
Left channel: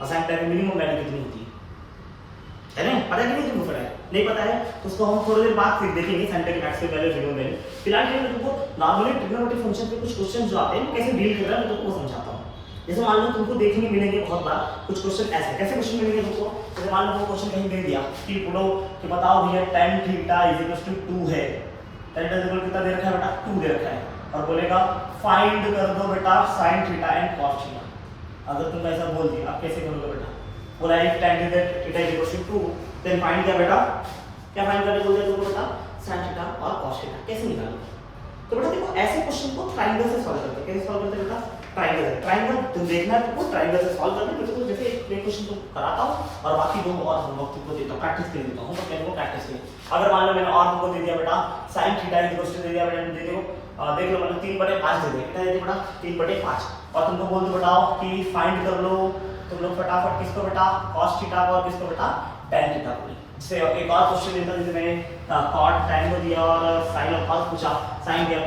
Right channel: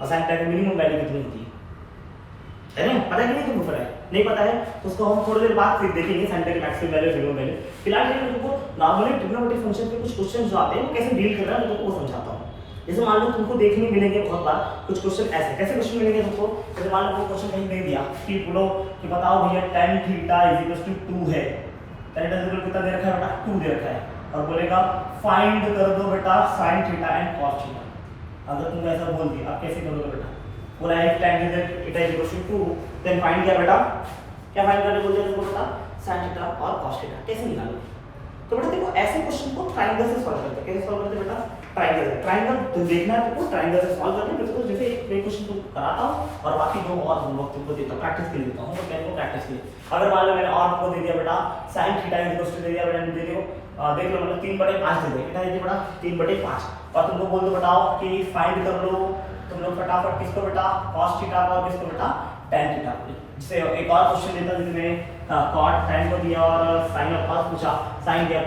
और साइन थीटा की मिनिमम वैल्यू कितनी होती है ना। पता नहीं तुमको, पता है नहीं पता है तो उसको हम थोड़ी देर बाद फिर देखेंगे, साइन थीटा की मैक्सिमम वैल्यू, मिनिमम वैल्यू। फिलहाल मैं तुमको नॉर्मली ट्रिग्नोमेट्रिक फंक्शन के कुछ क्वेश्चन जो आते हैं कैसे डील कर रहा है मैं तुमको समझाता हूँ। जैसे मान लो तुमको देखने मिलेंगे बहुत बार कुछ क्वेश्चन ऐसे, कैसे क्वेश्चन मिलेंगे तुमको, जैसे मान लो वो क्वेश्चन कहीं दे दिया कि बोलो कि बताओ भैया tan थीटा = 2 है, tan थीटा कितना दे रखा है बेटा, 2 दे रखा है, और बोलेगा फाइंड कर दो बेटा sin theta and cos theta. अगर तुम ऐसा बोल दिया, आप कैसे करोगे बेटा, बोला है tan थीटा = 2, देन फाइंड किया बेटा, क्या फाइंड करने बोल दिया तुमको बेटा, sin थीटा और cos थीटा, कैसे निकालोगे। तो बेटा देखो ऐसे क्वेश्चन को ट्रायंगल से सॉल्व करते हैं। कैसे सॉल्व करते हैं बेटा, ट्रायंगल से। ट्रायंगल तो देखना है तुमको, ट्रायंगल से सॉल्व करना है। तो जैसे एक क्वेश्चन को कराता हूं और बाकी दो और होमवर्क तुमको देता हूं, प्रैक्टिस के लिए देता हूं, तो मेरे को प्रैक्टिस के लिए। अगर मान लो मैंने और तुमको दे दिया बेटा sin थीटा = दे दिया बेटा, दे देखो देख लो मतलब 3/5 दे दिया, कितना दे दिया बेटा 3/5, और तुमको बोल दो बताओ कि फाइंड कर लो, तुम लोग फटाफट किसको बेटा, cos थीटा और किसको बेटा, tan थीटा को। जैसे एक और क्वेश्चन देता हूं, जैसे मैंने cot tan को दिया और sin और cos पूछा, sin दिया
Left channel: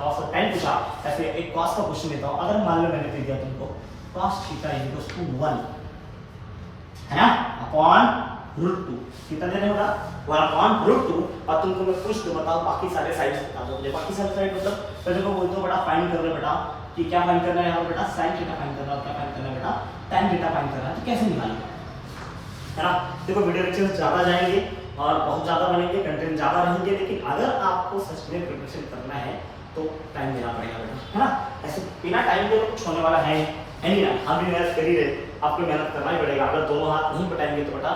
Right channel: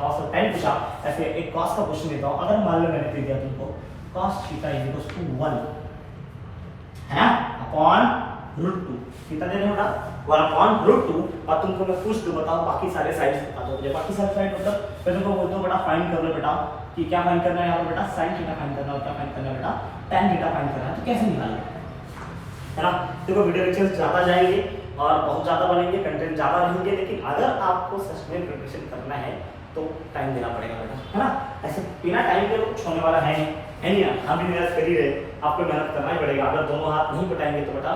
cos और tan पूछा, ऐसे एक cos का क्वेश्चन देता हूं। अगर मान लो मैंने दे दिया तुमको cos थीटा = 1 है ना, अपॉन √2, कितना दे देना बेटा 1/√2, और तुमको मैं पूछ दूं बताओ बाकी सारे साइड्स बता दो मुझे। बाकी सारे साइड मतलब मैं तुमको बोलता हूं बेटा फाइंड कर लो बेटा, कि क्या फाइंड करना है यहाँ पर बेटा, sin थीटा फाइंड करना है, और क्या फाइंड करना है बेटा, tan थीटा फाइंड करना है। तो कैसे निकालोगे, है ना। देखो वीडियो लेक्चर्स ज़्यादा जाएंगे और बहुत ज़्यादा बनेंगे, कंटेंट ज़्यादा रहेंगे, लेकिन अगर आपको सच में प्रिपरेशन करना है तो टाइम देना पड़ेगा बेटा, है ना। ऐसे बिना टाइम के तो कुछ होने वाला है नहीं ना। हम भी मेहनत कर ही रहे, आपको मेहनत करना ही पड़ेगा। अगर दोनों हाथ नहीं बटाएंगे तो बेटा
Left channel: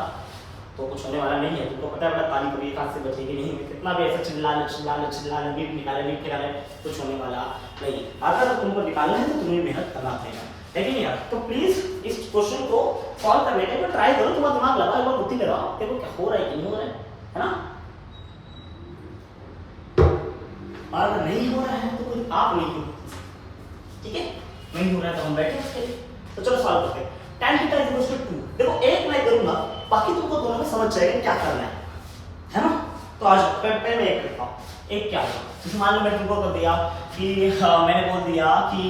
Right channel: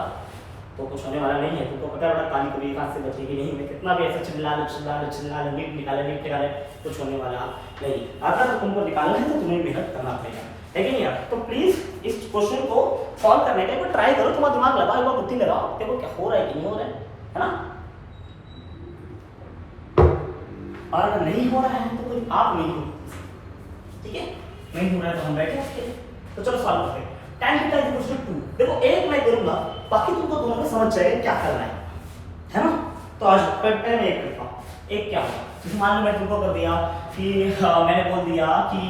तो कुछ होने वाला नहीं है। तुमको पता है बेटा ताली कभी एक हाथ से बचेगी नहीं, कितना भी ऐसे चिल्ला नीट निकाले कुछ होने वाला नहीं। अगर तुमको निकालना है तो तुम्हें मेहनत करना पड़ेगा, है कि नहीं यार। तो प्लीज इस क्वेश्चन को सॉल्व करने का एक ट्राई करो, तुम्हारा दिमाग लगाओ, एक बार बुद्धि लगाओ, देखो क्या हो रहा है कि नहीं हो रहा है ना। और अगर नहीं हो रहा है तो कोई आप नहीं हो, ठीक है, नहीं हो रहा है तो हम बैठे उसके लिए। तो चलो सॉल्व करते हैं। tan थीटा = 2, देखो एक मैं करूंगा, बाकी तुमको दोनों में समझ जाएगा क्या करना है ना। तो आज पहले मैं एक करता हूँ। एक क्या होगा, जैसे मान लो मैं तुमको कर दिया कि मैंने बोल दिया कि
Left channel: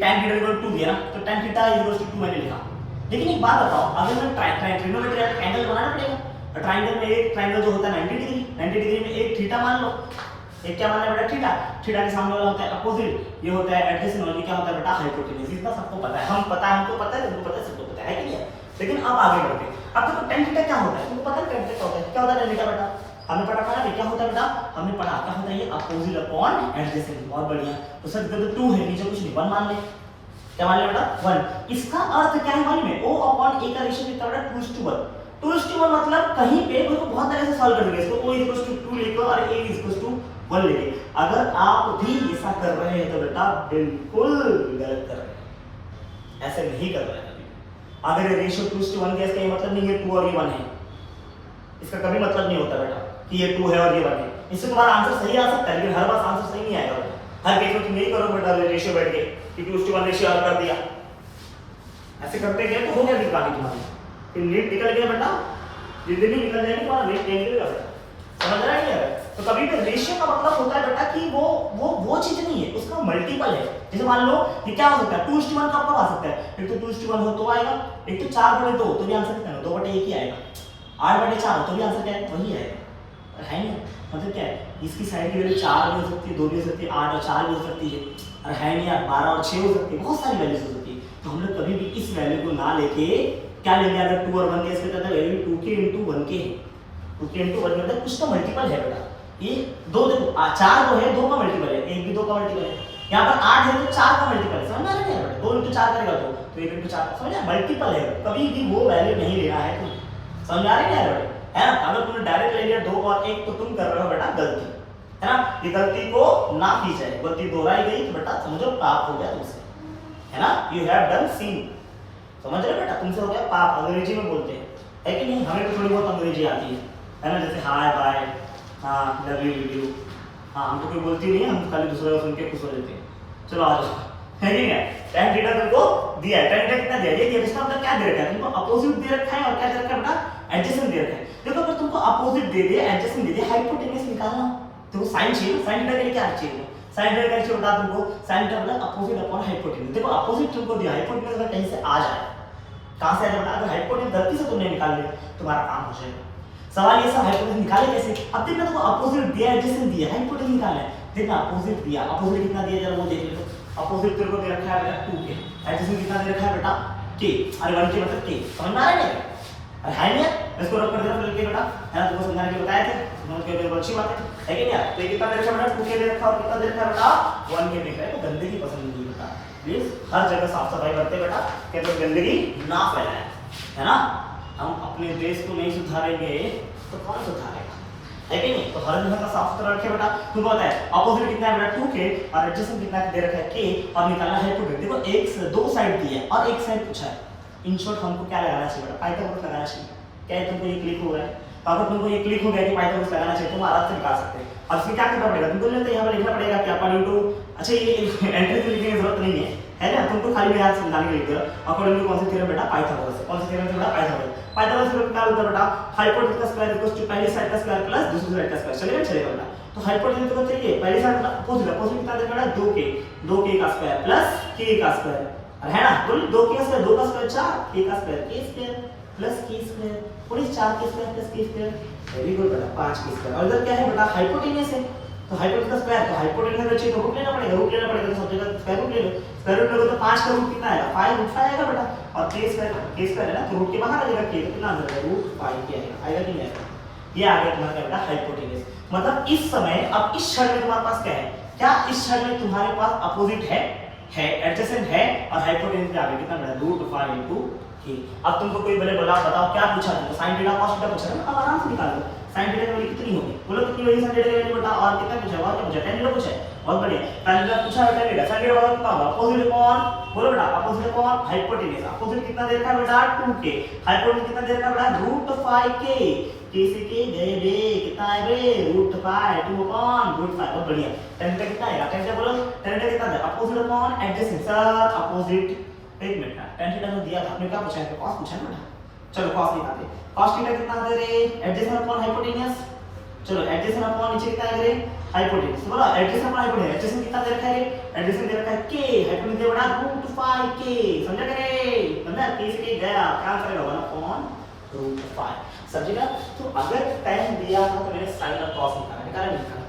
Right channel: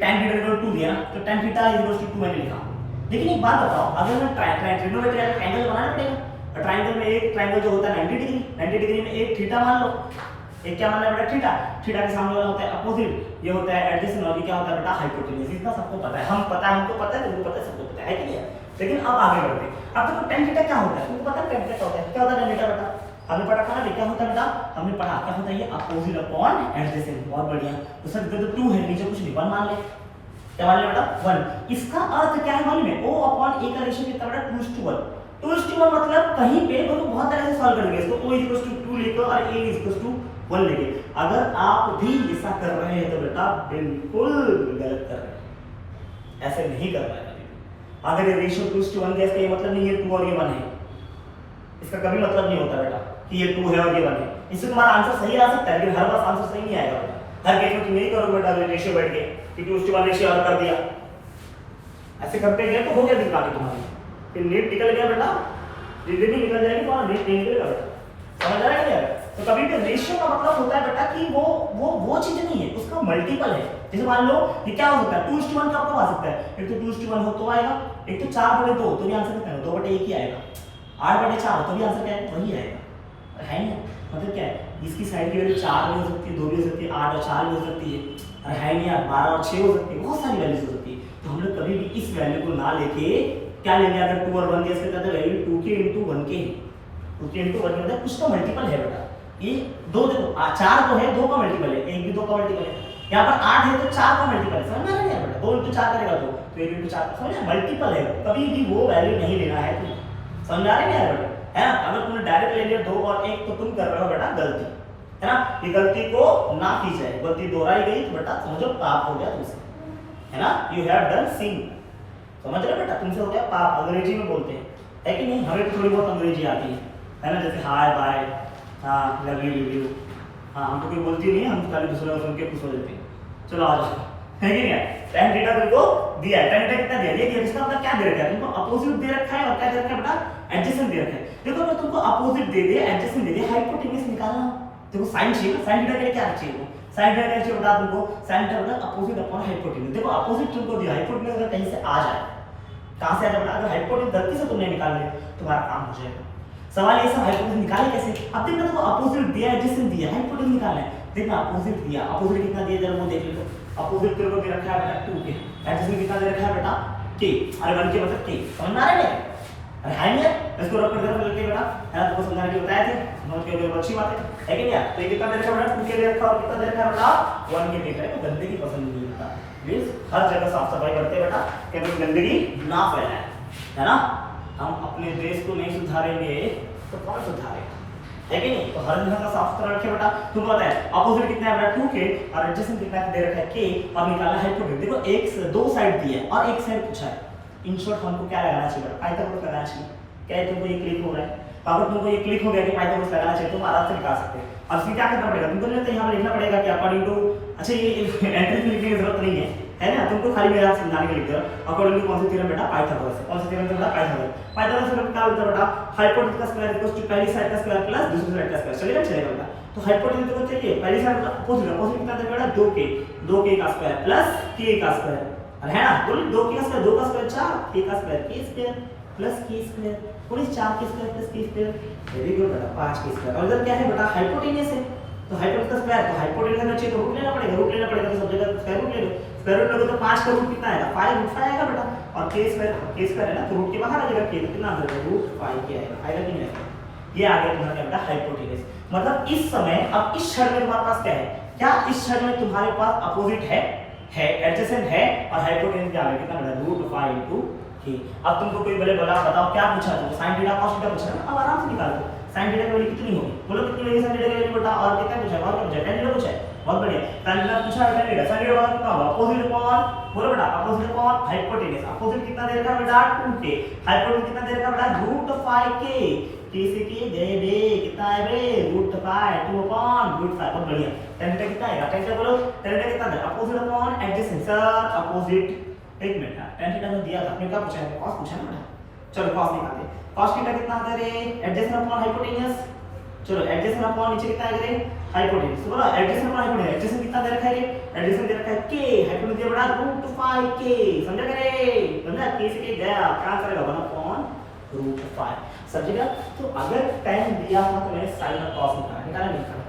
tan थीटा = 2 दिया ना, तो tan थीटा = 2 मैंने लिखा। लेकिन एक बात बताओ, अगर मैं ट्रिग्नोमेट्री एंगल बनाना पड़ेगा, ट्राइंगल में एक ट्राइंगल जो होता है 90 डिग्री, 90 डिग्री में एक थीटा मान लो, एक क्या मानना है बेटा थीटा, थीटा के सामने वाला होता है अपोजिट, ये होता है एडजेसेंट और ये क्या होता है बेटा हाइपोटेन्यूज। इतना सबको पता है, हम पता है, हमको पता है, तुमको पता है, सबको पता है कि नहीं है। लेकिन अब आगे बढ़ते हैं। अब देखो tan थीटा क्या होता है, तुमको पता है tan थीटा क्या होता है, क्या होता है tan थीटा बेटा, हमने पढ़ा था ना, क्या होता है बेटा, हमने पढ़ा क्या होता है ये अपोजिट अपॉन एडजेसेंट। बहुत बढ़िया, तो सर इधर तो 2 है, नीचे कुछ नहीं, 1 मान ले, क्या मान ले बेटा 1। इसका अर्थ क्या है मालूम है, O अपॉन A का रेशियो कितना बेटा 2:1। 2:1 मतलब कहीं पे तो बहुत तरह से सॉल्व कर लेंगे इसको, O = 2 लेकर और A = 1 लेंगे। अगर आप भी ऐसा कर रहे हैं तो बेटा बिल्कुल गलत कर रहे हैं, ऐसे नहीं कर रहे हैं। अगर ये रेशियो 2:1 के इसका मतलब नहीं है 2 और ये 1 है, इसका कभी मतलब नहीं होता बेटा कि ये 2 है और ये 1 है। इससे तुम्हारा आंसर सही आ सकता है लेकिन हर बार आंसर सही नहीं आएगा बेटा। हर केस में तुम यही करोगे बेटा, रेशियो बैठ के कि 2:1 रेशियो हल कर दिया, ऐसे करते गए तो हो गया दिक्कत तुम्हारी, फिर नीट निकल गया बेटा, जिंदगी निकल जाएगी और नीट निकलेगा बेटा, समझ रहा है क्या। तो कभी भी रेशियो का मतलब होता है बेटा कि वो चीज नहीं है, उसका मल्टीपल है। जैसे मान लो ये क्या हो सकता है 2:1 का कब आ सकता है, एक तो 2:1 हो तो आएगा, एक तो 4/2 तो भी आंसर कितना है 2/1 ही आएगा, 8/4 हो तो भी आंसर क्या है वही आएगा, है नहीं। मतलब क्या है, इसकी साइड की वैल्यू 4 भी हो सकती है, 2 भी हो सकती है, 8 और 4 भी हो सकती है, अरे है नहीं यार 12 और 6 हो सकती है, बहुत सारी वैल्यूज हो सकती है। तो हम लोग कभी भी इस वैल्यू को ना लेके क्या लेंगे, अगर 2 और 1 ले इसका वैल्यू 2k * 1 के, 2k * 1 मतलब कुछ तो मल्टीपल है बेटा। ये 2 देखो 4 जो है 2 का मल्टीपल है, 1 भी 2 का मल्टीपल है, यहाँ पर 8 है तो 4 का मल्टीपल है, समझ में आ रहा है बेटा, 2 * 4 करेगा तो 1 * 4 समझ में मल्टीपल है, कभी भी वो वैल्यू नहीं लेना है, समझ आ रहा है बेटा, है ना। अगर तुमने डायरेक्ट ले लिया 2 और 1 तो तुम कर रहे हो बेटा गलती, है ना। ये गलती को ना की जाए, गलती दोहराई गई तो बेटा समझो पाप हो गया तुमसे, है ना, यू हैव डन sin, समझ रहे बेटा, तुमसे हो गया पाप, अंग्रेजी में बोलते हैं, है कि नहीं, हमें तो थोड़ी बहुत अंग्रेजी आती है ना, जैसे हाय बाय, हाँ लव यू, हाँ हम तो कोई बोलती नहीं है, हम खाली दूसरे को सुन के खुश हो जाते हैं। चलो आ जाओ, है कि नहीं, tan थीटा तुमको दिया है, tan थीटा कितना दिया, ये इसका मतलब क्या दे रखा है तुमको, अपोजिट दे रखा है और क्या दे रखा है बेटा एडजेसेंट दे रखा है। देखो अगर तुमको अपोजिट दे दे, एडजेसेंट दे दे, हाइपोटेन्यूज निकालना, तुमको साइन चाहिए, साइन थीटा के लिए क्या चाहिए, साइन थीटा क्या चाहिए बता तुमको, साइन थीटा मतलब अपोजिट अपॉन हाइपोटेन्यूज। देखो अपोजिट तुमको दिया, हाइपोटेन्यूज अगर कहीं से आ जाए, कहां से आ जाए, अगर हाइपोटेन्यूज गलती से तुमने निकाल लिया तुम्हारा काम हो जाएगा। सवाल ये सब हाइपोटेन्यूज निकाले कैसे, अब देखना तुमको अपोजिट दिया, एडजेसेंट दिया, हाइपोटेन्यूज निकालना है, देखना अपोजिट दिया, अपोजिट कितना दिया जरा वो देख लो, अपोजिट तेरे को दे रखा है बेटा 2k, एडजेसेंट कितना दे रखा है बेटा k, अरे 1k मतलब k, समझ में आ रहा है, अरे है नहीं, इसको रख कर देना लेके बेटा, है ना, तुमको समझाने के बताए थे, समझ के बहुत अच्छी बात है कि क्या। तो ये कितना दे रखा है बेटा 2k दे रखा है और कितना दे रखा है बेटा 1k दे रखा है, गंदगी पसंद नहीं बेटा, प्लीज हर जगह साफ सफाई करते बेटा, कि गंदगी ना फैलाए, है ना। हम अपने देश को नहीं सुधारेंगे तो कौन सुधारेगा, है कि नहीं। तो हर जगह साफ सुथरा रखे बेटा। तुमको पता है अपोजिट कितना है बेटा 2k और एडजेसेंट कितना दे रखा है k और निकालना है हाइपोटेन्यूज। देखो एक से दो साइड दी है और एक साइड पूछा है, इन शॉर्ट हमको क्या लगाना चाहिए बेटा, पाइथागोरस लगाना चाहिए। क्या है तुमको ये क्लिक हो रहा है, तो अगर तुमको ये क्लिक हो गया कि पाइथागोरस लगाना चाहिए तो तुम आराम से निकाल सकते हो। अब इसमें क्या करना पड़ेगा तुमको, नहीं यहाँ पर लिखना पड़ेगा कि अपन इनटू, अच्छा ये एंट्री लिखने की जरूरत नहीं है ना, तुमको खाली मैं यहाँ समझाने के लिए अकॉर्डिंग टू कौन सी थ्योरम बेटा पाइथागोरस से, कौन सी थ्योरम बेटा पाइथागोरस। पाइथागोरस से क्या होता है बेटा, हाइपोटेन्यूज का स्क्वायर इक्वल्स टू पहली साइड का स्क्वायर प्लस दूसरी साइड का स्क्वायर, चलेगा चलेगा बेटा। तो हाइपोटेन्यूज को चाहिए पहली साइड का अपोजिट, अपोजिट कितना दे बेटा 2k का स्क्वायर प्लस k का स्क्वायर, है ना, तो 2k का स्क्वायर 2 का स्क्वायर 4, k का square k square plus k square पूरी 4 k square plus k square, very good बेटा 5 k स्क्वायर। और इधर क्या है बेटा हाइपोटेन्यूज है, तो हाइपोटेन्यूज का स्क्वायर, तो हाइपोटेन्यूज का चाहिए तो रूट लेना पड़ेगा, रूट लेना पड़ेगा तो सब जगह स्क्वायर रूट ले लो, स्क्वायर रूट लोगे तो 5 का रूट कितना आएगा 5 आएगा बेटा, और k स्क्वायर है ना, तो रूट के बाहर आ जाएगा k, तो कितना आ जाएगा रूट 5k आएगा कि नहीं आएगा, ये आ गया तुम्हारा बेटा हाइपोटेन्यूज। मतलब इस समय अब इस क्षण में तुम्हारे पास क्या है, क्या इस क्षण में तुम्हारे पास अपोजिट है एडजेसेंट है और हाइपोटेन्यूज आ गया कितना बेटा रूट 5 इनटू k। अब तुमको कोई बोले बोला बताओ क्या पूछा तुमको, sin थीटा cos थीटा पूछा ना, अब आराम से निकाल दो। sin थीटा की वैल्यू कितनी होगी बोलो, कितनी होगी sin थीटा की वैल्यू बेटा, और कितना पूछा और क्या पूछा tan थीटा पूछा है, बहुत बढ़िया। tan थीटा पूछा है, tan थीटा sin थीटा कितना होगा अपोजिट अपॉन, बोलो बेटा अपोजिट अपॉन हाइपोटेन्यूज, अपोजिट कितना दे रखा है बेटा 2k, हाइपोटेन्यूज कितना दे रखा है बेटा रूट 5k, k से k दे रे कितना है रे रूट 5 2 अपॉन रूट 5, बहुत बढ़िया। tan थीटा कितना है, tan थीटा बोलो tan थीटा कितना है opposite upon adjacent, sir opposite, एक मिनट tan थीटा तो दिया था आपने, क्या पूछा है cos पूछा ना बेटा, चलो cos निकाल दे, cos थीटा कितना दे रे एडजेसेंट अपॉन हाइपोटेन्यूज, चलो एडजेसेंट अपॉन नीचे कितना है रे हाइपोटेन्यूज, तो बोला एडजेसेंट अपॉन हाइपोटेन्यूज, एडजेसेंट कितना दे रखा है, एडजेसेंट दे रखा है k, हाइपोटेन्यूज दे बड़ा रूट 5k, समझा रे, समझा, k से k गया क्या करेगा 1 अपॉन √5 समझिएगा। तो अगर tan दिया था तो मैंने sin और cos निकाला नहीं निकाला,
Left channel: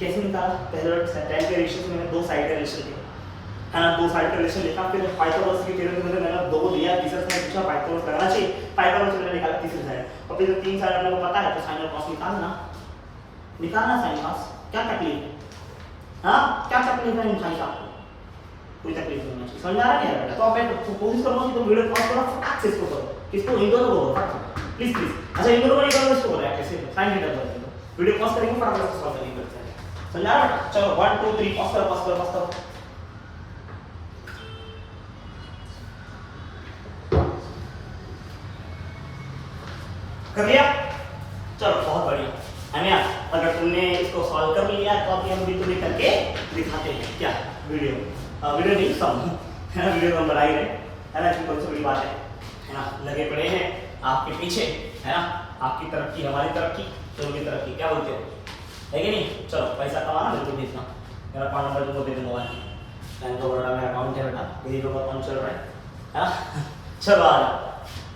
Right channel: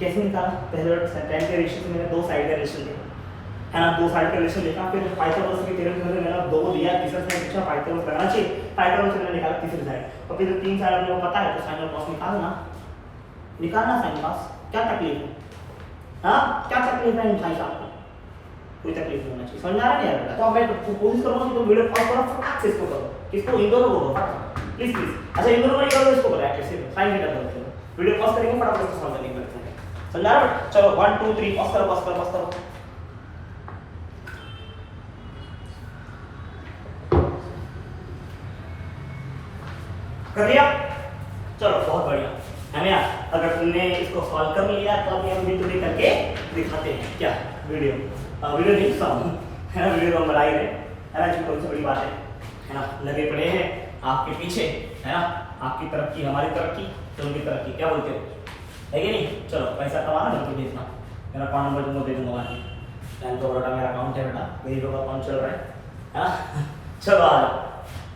कैसे निकाला? पहले tan के रेशियो से मैंने दो साइड का रेशियो लिखा है ना, दो साइड का रेशियो लिखा, फिर पाइथागोरस की थ्योरम में मैंने दो दिया, तीसरा साइड पूछा पाइथागोरस लगाना चाहिए, पाइथागोरस मैंने निकाला तीसरी साइड, और फिर जो तीन साइड आपको पता है तो sin और cos निकालना sin cos, क्या तकलीफ है? हाँ क्या तकलीफ है इन भाई साहब को? कोई तकलीफ नहीं होना चाहिए, समझ में आ रहा है बेटा? तो अब मैं कोशिश करूंगा कि तुम वीडियो पॉज करो, फटाक से इसको करो, किसको? इन दोनों को करो प्लीज प्लीज। अच्छा इन दोनों को नहीं करो, इसको करो ऐसे साइन थीटा करो, वीडियो पॉज करेंगे फटाफट इसको सॉल्व करेंगे बच्चे। समझ आ रहा है? चलो 1 2 3 पॉज करो। कर लिया? चलो बहुत बढ़िया है ना। अगर तुमने इसको सॉल्व कर लिया तो अब हम भी करके दिखाते हैं क्या वीडियो नहीं सॉल्व है ना, वीडियो हम बना ही रहे है ना, इसमें कोई बड़ी बात है ना। लगे पड़े हैं आपके पीछे है ना, आपकी तरक्की हमारी तरक्की दोनों की तरक्की, क्या बोलते हो? है कि नहीं? चलो पैसा कमाना बिल्कुल भेजना, मेरा अकाउंट नंबर तुमको दे दूंगा मैं, बैंक ऑफ बड़ौदा मेरा अकाउंट है बेटा, गरीबों का अकाउंट चल रहा है ना। चलो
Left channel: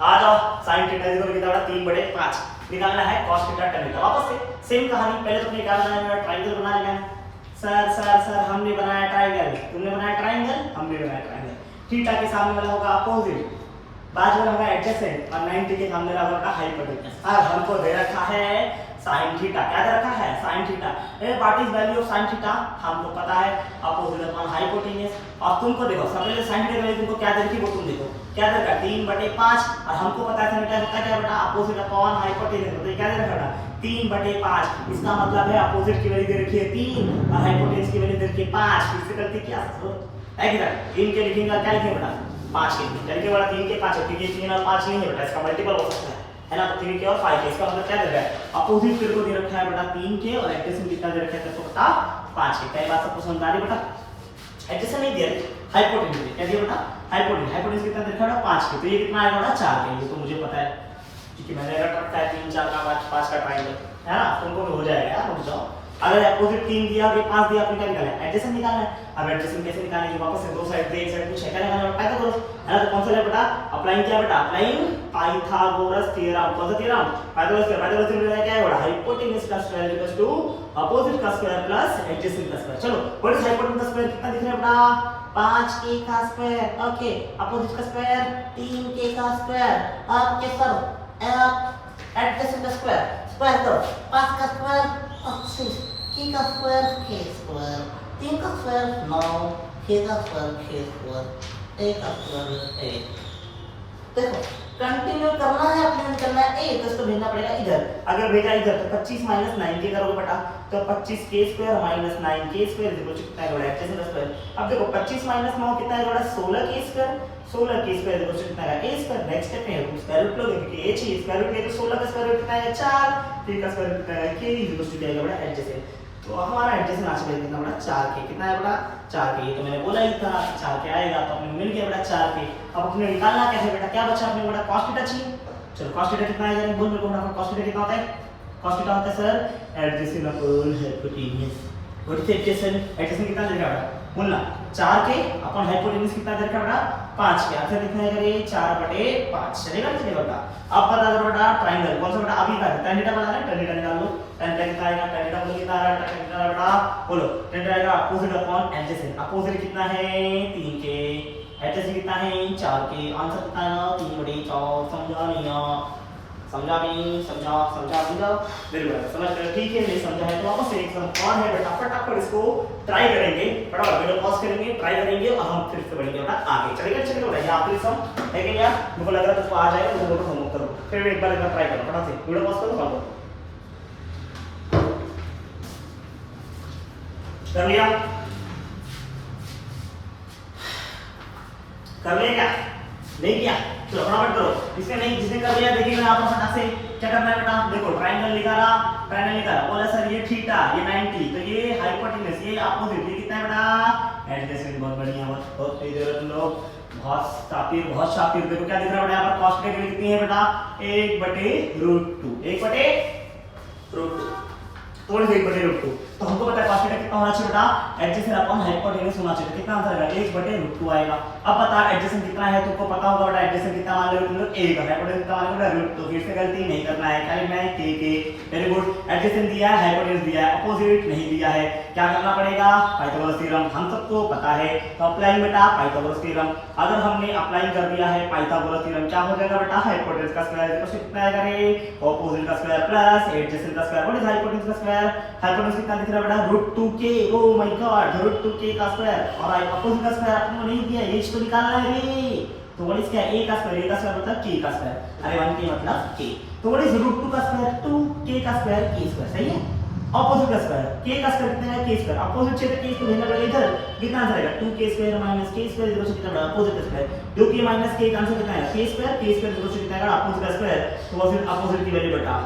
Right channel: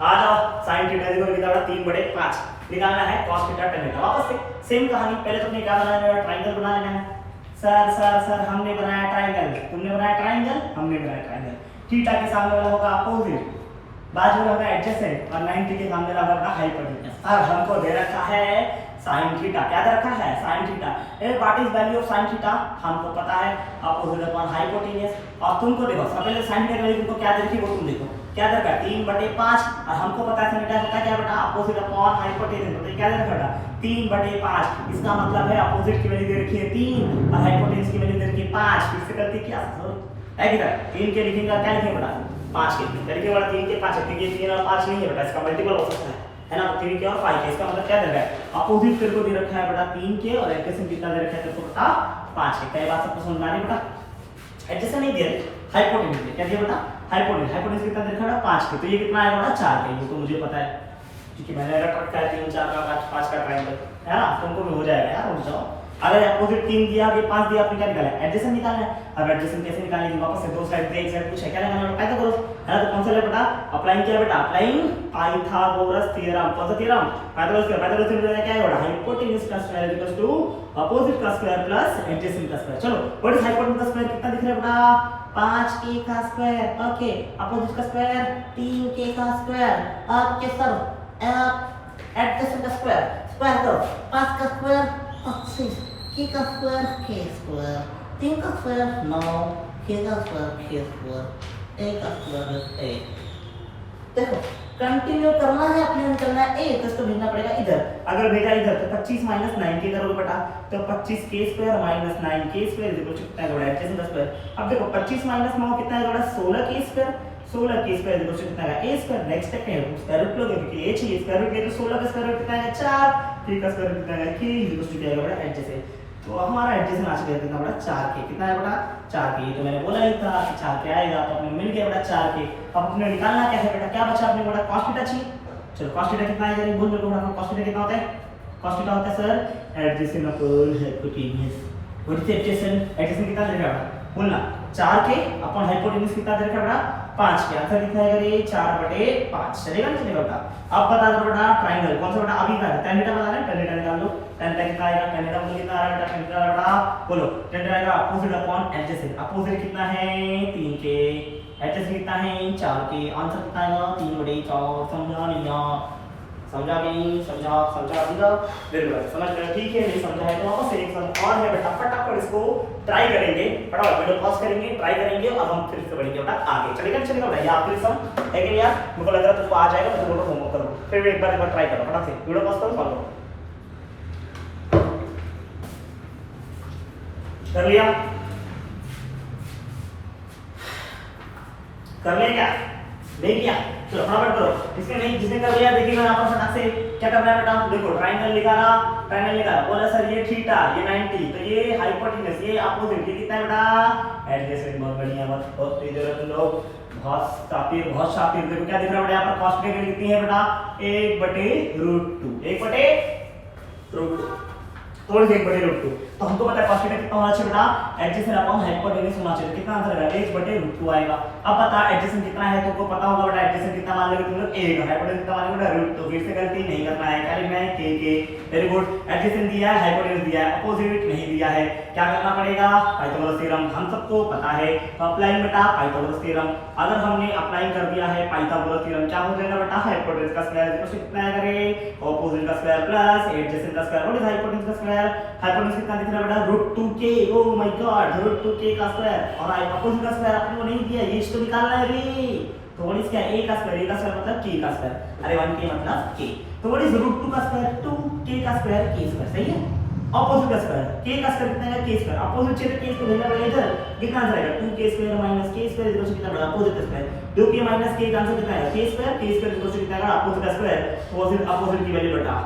आ जाओ sin थीटा इक्वल कितना बेटा 3/5 निकालना है, cos थीटा tan थीटा। वापस से सेम कहानी, पहले तुमने निकालना है ट्रायंगल बना लेना है। सर हमने बनाया ट्रायंगल, तुमने बनाया ट्रायंगल, हमने बनाया ट्रायंगल। थीटा के सामने वाला होगा अपोजिट, बाजू वाला होगा एडजेसेंट, और 90 के सामने वाला होगा हाइपोटेन्यूस। अब हमको दे रखा है sin थीटा, क्या दे रखा है? sin theta. What is value of sin theta? हमको पता है अपोजिट अपॉन हाइपोटेन्यूस। और तुमको देखो सबसे पहले sin थीटा की वैल्यू तुमको क्या दे रखी है वो तुम देखो, क्या दे रखा है? 3/5, और हमको पता है थीटा होता है क्या बेटा? Opposite upon hypotenuse. तो क्या दे रखा है? 3/5। इसका मतलब है अपोजिट की वैल्यू दे रखी है 3 और हाइपोटेन्यूस की वैल्यू दे रखी है 5। इससे करके क्या है कि 3 के लिखेंगे, क्या लिखेंगे बेटा? 5 के लिखेंगे बेटा, 3 के 5 है, क्योंकि 3 और 5 नहीं है बेटा, इसका मल्टीपल हो सकता है ना। तो 3 के और 5 के, इसका मतलब क्या दे रखा है? अपोजिट तेरे को दे रखा है बेटा 3 के, और एडजेसेंट कितना दे रखा है तेरे को बेटा? 5 के। कई बात सबको समझ आ रही बेटा? एडजेसेंट नहीं दिया, हाइपोटेन्यूस क्या दिया बेटा? हाइपोटेन्यूस कितना दे रखा है? 5 के। तो ये कितना आएगा बेटा? 4 के। ये तो मुझे पता है क्योंकि मैंने रख रखा है 3 4 का 5 का ट्रायंगल है ना, तुमको भी हो जाएगा यार, रुक जाओ। अगर अपोजिट 3 दिया फिर 5 दिया, आपने क्या निकाला है? एडजेसेंट निकालना है। अब एडजेसेंट कैसे निकालेंगे? वापस से दो साइड पे एक साइड पूछा, क्या लगाना है? पैदा करो है ना। तो कौन सा है बेटा? अप्लाइंग क्या बेटा? Applying Pythagoras theorem. कौन सा थ्योरम? पाइथागोरस थ्योरम क्या है बेटा? हाइपोटेन्यूस का स्क्वायर इक्वल्स टू अपोजिट का स्क्वायर प्लस एडजेसेंट का स्क्वायर। चलो व्हाट इज हाइपोटेन्यूस का स्क्वायर? कितना दिख रहा है बेटा? 5k का स्क्वायर। ओके, अपोजिट का स्क्वायर 3k का स्क्वायर। ओके सर, एडजेसेंट का स्क्वायर स्क्वायर करो, 5 का स्क्वायर 25, k का स्क्वायर k स्क्वायर, 3 का स्क्वायर 9, k का स्क्वायर k स्क्वायर, a का स्क्वायर 8। देखो कंटिन्यू करना है, अपने में करना है a, तो इसको भेजना पड़ेगा इधर। अगर भेजा इधर तो 25 - 9k करोगे बेटा, तो 25k square minus 9k square equal to कितना है? एडजेसेंट का स्क्वायर। अब देखो 25 - 9 कितना है बेटा? 16k square. 16k square equal to कितना है? a square. नेक्स्ट स्टेप में स्क्वायर रूट लोगे क्योंकि a चाहिए, स्क्वायर रूट लिए तो 16 का स्क्वायर रूट कितना है? 4। k का स्क्वायर रूट कितना है? k इक्वल टू क्या है बेटा? एडजेसेंट। तो हमारा एडजेसेंट आज का कितना बेटा? 4k। कितना है बेटा? 4k। ये तो मैंने बोला ही था कि 4k आएगा, तो अपने मिल गया बेटा 4k। अब अपने निकालना क्या है बेटा? क्या बचा अपने बेटा? cos थीटा चाहिए। चलो cos थीटा कितना है? जरा बोल मेरे को फटाफट। cos थीटा कितना होता है? cos थीटा होता है sir adjacent upon hypotenuse. What is adjacent? Adjacent कितना दे रखा है बेटा? बोलना 4k अपॉन हाइपोटेन्यूस कितना दे रखा है बेटा? 5 के। आंसर दिखाएगा ये 4/5। चलेगा नहीं चलेगा बेटा? अब बता दो बेटा ट्रायंगल कौन सा बेटा? अभी का है tan थीटा बता रहे हैं, tan थीटा निकाल लो। tan थीटा कितना आएगा? tan थीटा मुझे कितना आ रहा है बेटा? tan थीटा बेटा बोलो, tan थीटा आएगा अपोजिट अपॉन एडजेसेंट। अपोजिट कितना है? 3k, एडजेसेंट कितना है? 4k। आंसर कितना आएगा? 3/4। समझा लिया? समझा भी? समझा दिया? वेरी गुड, समझ गए? ठीक है, नहीं समझा है तो वापस से एक सम और है बेटा, फटाफट इसको ट्राई करेंगे, फटाफट वीडियो पॉज करेंगे, ट्राई करेंगे और हम फिर से बढ़ेंगे बेटा आगे। चलेगा बेटा? ये आखिरी सम है कि यार मुझे लग रहा है तुमको आ जाएगा, तो तुम लोग होमवर्क करो, फिर एक बार ट्राई करो फटाफट से, वीडियो पॉज करो, फॉलो कर लिया? कर लिया क्या? नहीं किया? चलो फटाफट करो। इसमें नहीं, जिसने कर लिया देखिएगा यहाँ पर फटाक से क्या करना है बेटा? देखो ट्रायंगल निकाला, बोला सर ये थीटा, ये 90, तो ये हाइपोटेन्यूस, ये अपोजिट, ये कितना है बेटा? एडजेसेंट। बहुत बढ़िया, बहुत तेज हो तुम लोग, बहुत शातिर। देखो क्या दिख रहा है बेटा? यहाँ पर cos थीटा कितनी है बेटा? 1/√2, 1/√2। थोड़ी सी 1/√2। तो हमको पता है cos थीटा कितना होना चाहिए बेटा, एडजेसेंट अपॉन हाइपोटेन्यूज होना चाहिए। तो कितना आंसर आएगा, 1/√2 आएगा। अब बता एडजेसेंट कितना है, तुमको पता होगा बेटा एडजेसेंट कितना मान लोगे तुम लोग, 1 है, हाइपोटेन्यूज कितना मान लोगे बेटा √2। फिर से गलती नहीं करना है, क्या लिखना है के। वेरी गुड, एडजेसेंट दिया है, हाइपोटेन्यूज दिया है, अपोजिट नहीं दिया है, क्या करना पड़ेगा, पाइथागोरस थ्योरम हम सबको पता है। तो अप्लाई बेटा पाइथागोरस थ्योरम, अगर हमने अप्लाई कर दिया है पाइथागोरस थ्योरम, क्या हो जाएगा बेटा, हाइपोटेन्यूज का स्क्वायर इक्वल टू कितना आएगा रे, अपोजिट का स्क्वायर प्लस एडजेसेंट का स्क्वायर। व्हाट इज हाइपोटेन्यूज का स्क्वायर, हाइपोटेन्यूज कितना दिख रहा है बेटा √2k। Oh my God, √2k का स्क्वायर और अपोजिट का स्क्वायर आपने को नहीं दिया, ये तो निकालना है रे। तो व्हाट इज क्या, a का स्क्वायर, a का स्क्वायर मतलब k का स्क्वायर, अरे 1k मतलब k। तो व्हाट इज √2 का स्क्वायर, 2k का स्क्वायर k स्क्वायर, सही है। अपोजिट का स्क्वायर, k का स्क्वायर कितना है, k स्क्वायर, अपोजिट से k स्क्वायर भेजना पड़ेगा इधर, कितना आंसर आएगा 2k square minus k square equal to कितना बड़ा, अपोजिट का स्क्वायर। 2k माइनस k का आंसर कितना है, k स्क्वायर इक्वल टू कितना आएगा, अपोजिट का स्क्वायर। तो फिर अपोजिट की वैल्यू बेटा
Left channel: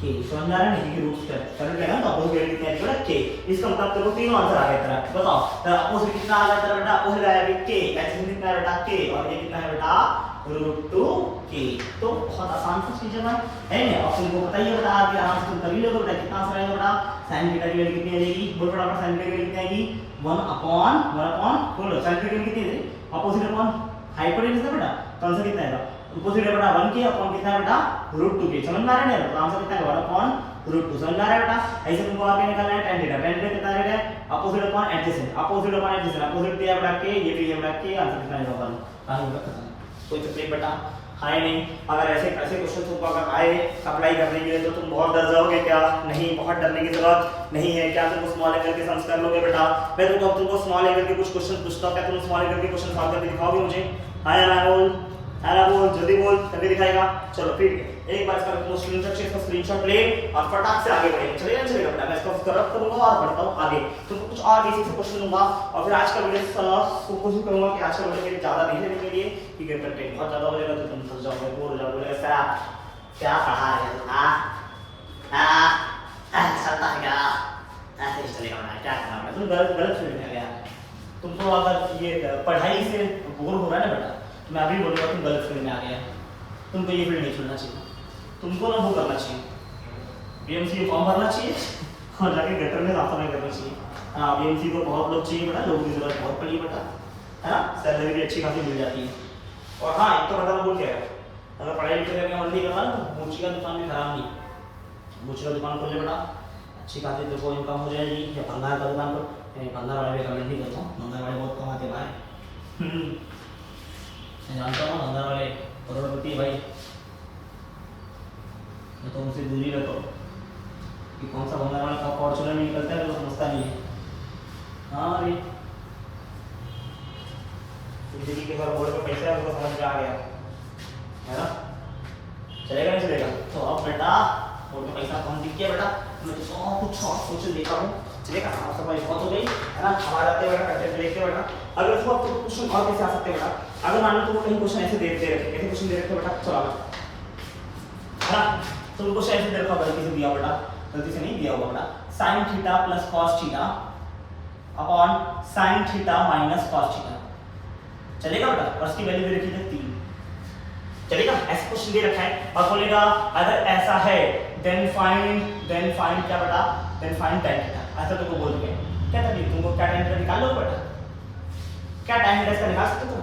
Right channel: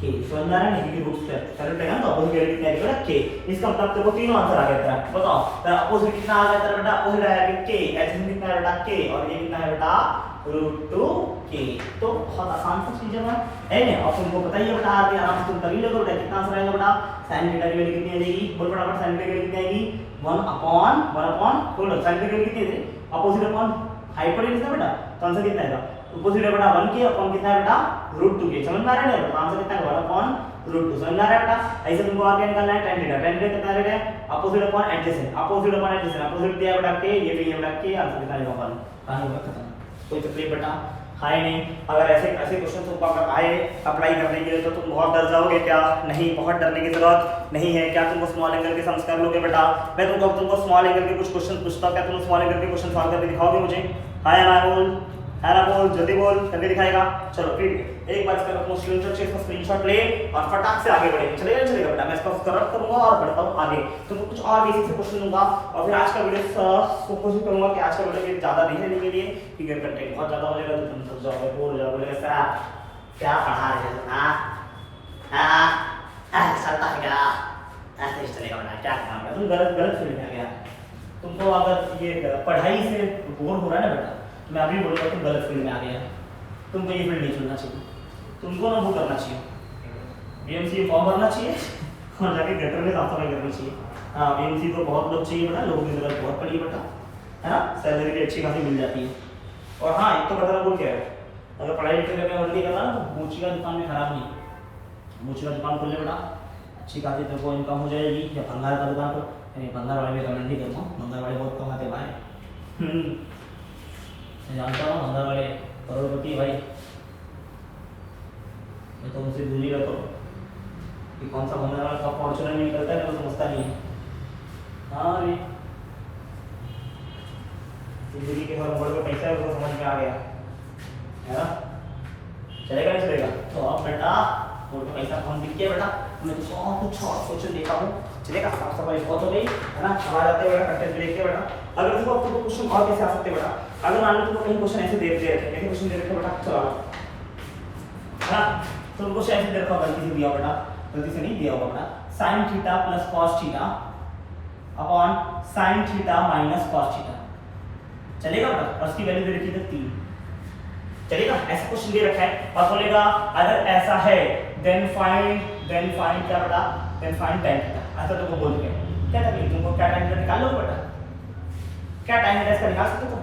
k, समझ में आ रहा है, नहीं कि रूट स्क्वायर चल रहा है ना, तो अपोजिट वैल्यू कितना आएगा k। इसका मतलब तेरे को तीनों आंसर आ गया तेरा, बताओ तेरा अपोजिट कितना आ गया तेरा बेटा, अपोजिट आया k, एडजेसेंट कितना है बेटा k, और ये कितना है बेटा √2k। तो बहुत आसान सी चीज है ऑप्शन को बताइए बेटा, आगे आराम से तुम कर लो बेटा। कितना आंसर आएगा बेटा, sin थीटा की वैल्यू कितनी आएगी, बोल फटाफट, sin थीटा की वैल्यू कितनी आएगी, 1/1 बोलो sin थीटा की वैल्यू कितनी है, अपोजिट अपॉन हाइपोटेन्यूज है बेटा, तो आंसर कितना आएगा, अपोजिट है बेटा 1k अपॉन कितना है बेटा √2k। समझ में आ रहा है, तो आंसर कितना है 1/√2। समझ में आ रहा है बेटा। ऐसे तुमको आगे निकालना है tan थीटा, tan थीटा कितना है बेटा, opposite upon adjacent, opposite upon adjacent, opposite दिया बेटा k, ये भी है बेटा k, आंसर कितना आएगा 1। कहानी हुआ खत्म, कोई तकलीफ बेटा है नहीं। अगर ऐसे ऐसे क्वेश्चन तुमको अगर आए अप्लाई करने के लिए तो तुम बहुत डर जाओगे क्या, नहीं बहुत डरने की जरूरत नहीं है। क्या तुमको स्मॉल एंगल के सम्स कर लोगे बेटा, मैं तुमको स्मॉल एंगल के कुछ क्वेश्चन पूछता हूं, क्या तुम स्मॉल एंगल के क्वेश्चन सॉल्व करके दिखाओगे मुझे, हां या ना बोल, हां ना बोल, जल्दी बोल, करके दिखाएगा। चलो फिर एक बार इसका मोस्टली इसका स्क्रीनशॉट ले और फटाक से आगे बढ़े, चलेगा बेटा। मैं इसको रब करूंगा और बढ़ता हूं आगे, तुमको कुछ और बेसिक से क्वेश्चन दूंगा और फिर आज का वीडियो कोशिश करूंगा कि आज का वीडियो ज्यादा नहीं लेने के लिए, क्योंकि कंटेंट बहुत ज्यादा हो जाएगा तो तुम थक जाओगे, बोर हो जाओगे, सर क्या पढ़ा रहे हैं, चलता है क्या, ऐसे ही चलेगा बेटा, क्या करना बेटा, तुम गलत फील्ड में आ गया। तुमको अगर ये पढ़ाई से बोर हो रहा है ना बेटा, तो मैं अभी बोलूंगा तुम गलत फील्ड में आ गया, तुमको ये फील्ड नहीं चुनना चाहिए, तुमको ना वो करना चाहिए, बीएमसी फॉर्म भरना चाहिए और जाके गटर में साफ सफाई करनी चाहिए। हाँ बीएमसी को बहुत लोग चाहिए बेटा, लोगों की जरूरत बहुत पड़ी बेटा, है ना, सैलरी भी अच्छी खासी मिल जाती है। और हाँ एक तो पता ना बोल क्या है, अगर पढ़ाई लिखाई करके जल्दी करना तो मोची का दुकान भी खराब नहीं, मोची का दुकान खोल ले बेटा, अच्छी खासी तेरे को इनकम हो जाएगी। या भंगार का दुकान को, भंगार वाले रिकमेंड नहीं करता हूँ, भंगार वाले बहुत कमाते भाई, मैं जानता हूँ भंगार वाले करोड़पति भाई, तो मुझसे दूरी रखो कि कौन सा भंगार वाला कब फॉर्चूनर में निकलता है तो समझता नहीं है। हाँ रे जिंदगी के हर मोड़ पे पैसा है, वो समझ में आ गया है ना, चलेगा नहीं चलेगा। तो अब बेटा मोड़ पे पैसा कौन दिख गया बेटा, मैं तो बहुत कुछ और क्वेश्चन देखा हूँ, चलेगा साफ सफाई बहुत हो गई है ना, हमारे आते बेटा कंटेंट लेके बेटा। अगर तुमको अब क्वेश्चन और कैसे आ सकते बेटा, अगर मान लो तुमको कहीं क्वेश्चन ऐसे दे रखे, कैसे क्वेश्चन दे रखे बेटा, चलो है ना, तो उनको ऐसे दे रखा, गलती से दिया बेटा, गलती से नहीं दिया होगा बेटा, sin theta plus cos theta upon sin theta minus cos theta, चलेगा बेटा, और उसकी वैल्यू दे रखी है 3, चलेगा। ऐसे क्वेश्चन दे रखा है और बोलेगा अगर ऐसा है देन फाइंड क्या बेटा, देन फाइंड tan थीटा, ऐसा तुमको बोल के क्या तकलीफ, तुमको क्या tan थीटा निकाल लो बेटा, क्या tan थीटा इसका निकाल सकते हो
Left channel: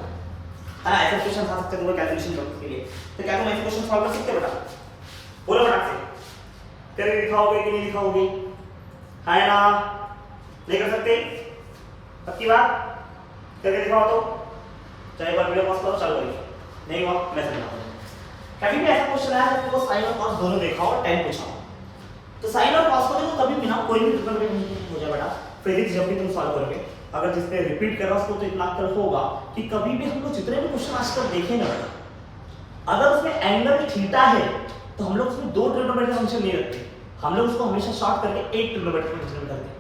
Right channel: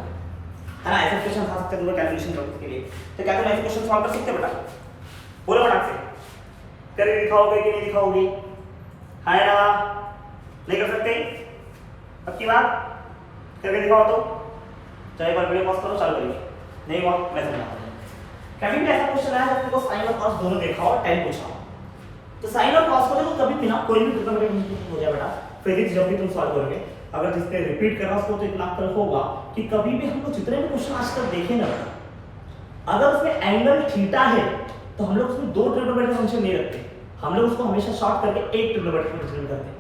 है ना, ऐसे क्वेश्चन आ सकते हैं तुमको कैलकुलेशन के लिए। तो क्या तुम ऐसे क्वेश्चन सॉल्व कर सकते हो बेटा, बोलो फटाक से, करके दिखाओगे कि नहीं दिखाओगे, है ना, नहीं कर सकते, पक्की बात, करके दिखाओ तो, चाहे एक बार वीडियो पॉज करो चालू करिए, नहीं हुआ मैं समझाता हूँ। कभी भी ऐसा क्वेश्चन आया जब तुमको साइन और कॉस दोनों देखा हो, टाइम पूछा हो, तो साइन और कॉस को देखो कभी भी ना कोई भी ट्रिग्नोमेट्री हो जाए बेटा, फिजिक्स जब भी तुम सॉल्व करोगे, अगर जिसने रिपीट कर रहा उसको तो इतना अक्ल होगा कि कभी भी हम लोग जितने भी क्वेश्चन आजकल देखें ना बेटा, अगर उसमें एंगल थीटा है तो हम लोग उसमें 2 ट्रिग्नोमेट्री फंक्शन नहीं रखते, हम लोग उसको हमेशा शॉर्ट करके एक ट्रिग्नोमेट्री फंक्शन करते हैं।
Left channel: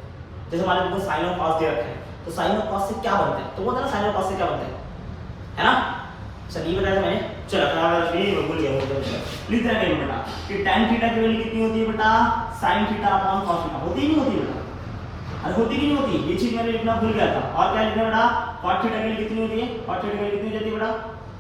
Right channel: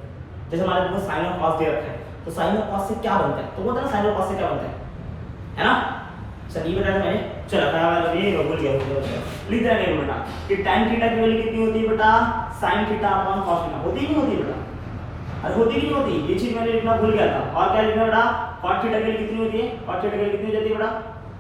जैसे हमारे पास साइन और कॉस दे रखा है, तो साइन और कॉस से क्या बनता है, तो वो ना साइन और कॉस से क्या बनता है ना, चलिए बताया था मैंने, चलो मैं भूल गया, प्लीज ध्यान रखिए बेटा कि tan थीटा की वैल्यू कितनी होती है बेटा, sin theta upon cos theta, होती नहीं होती बेटा, अरे होती नहीं होती, ये चीज मैंने लिखना भूल गया था। और क्या लिखना बेटा, cos थीटा की वैल्यू कितनी होती है, cos थीटा की वैल्यू कितनी हो जाती है बेटा,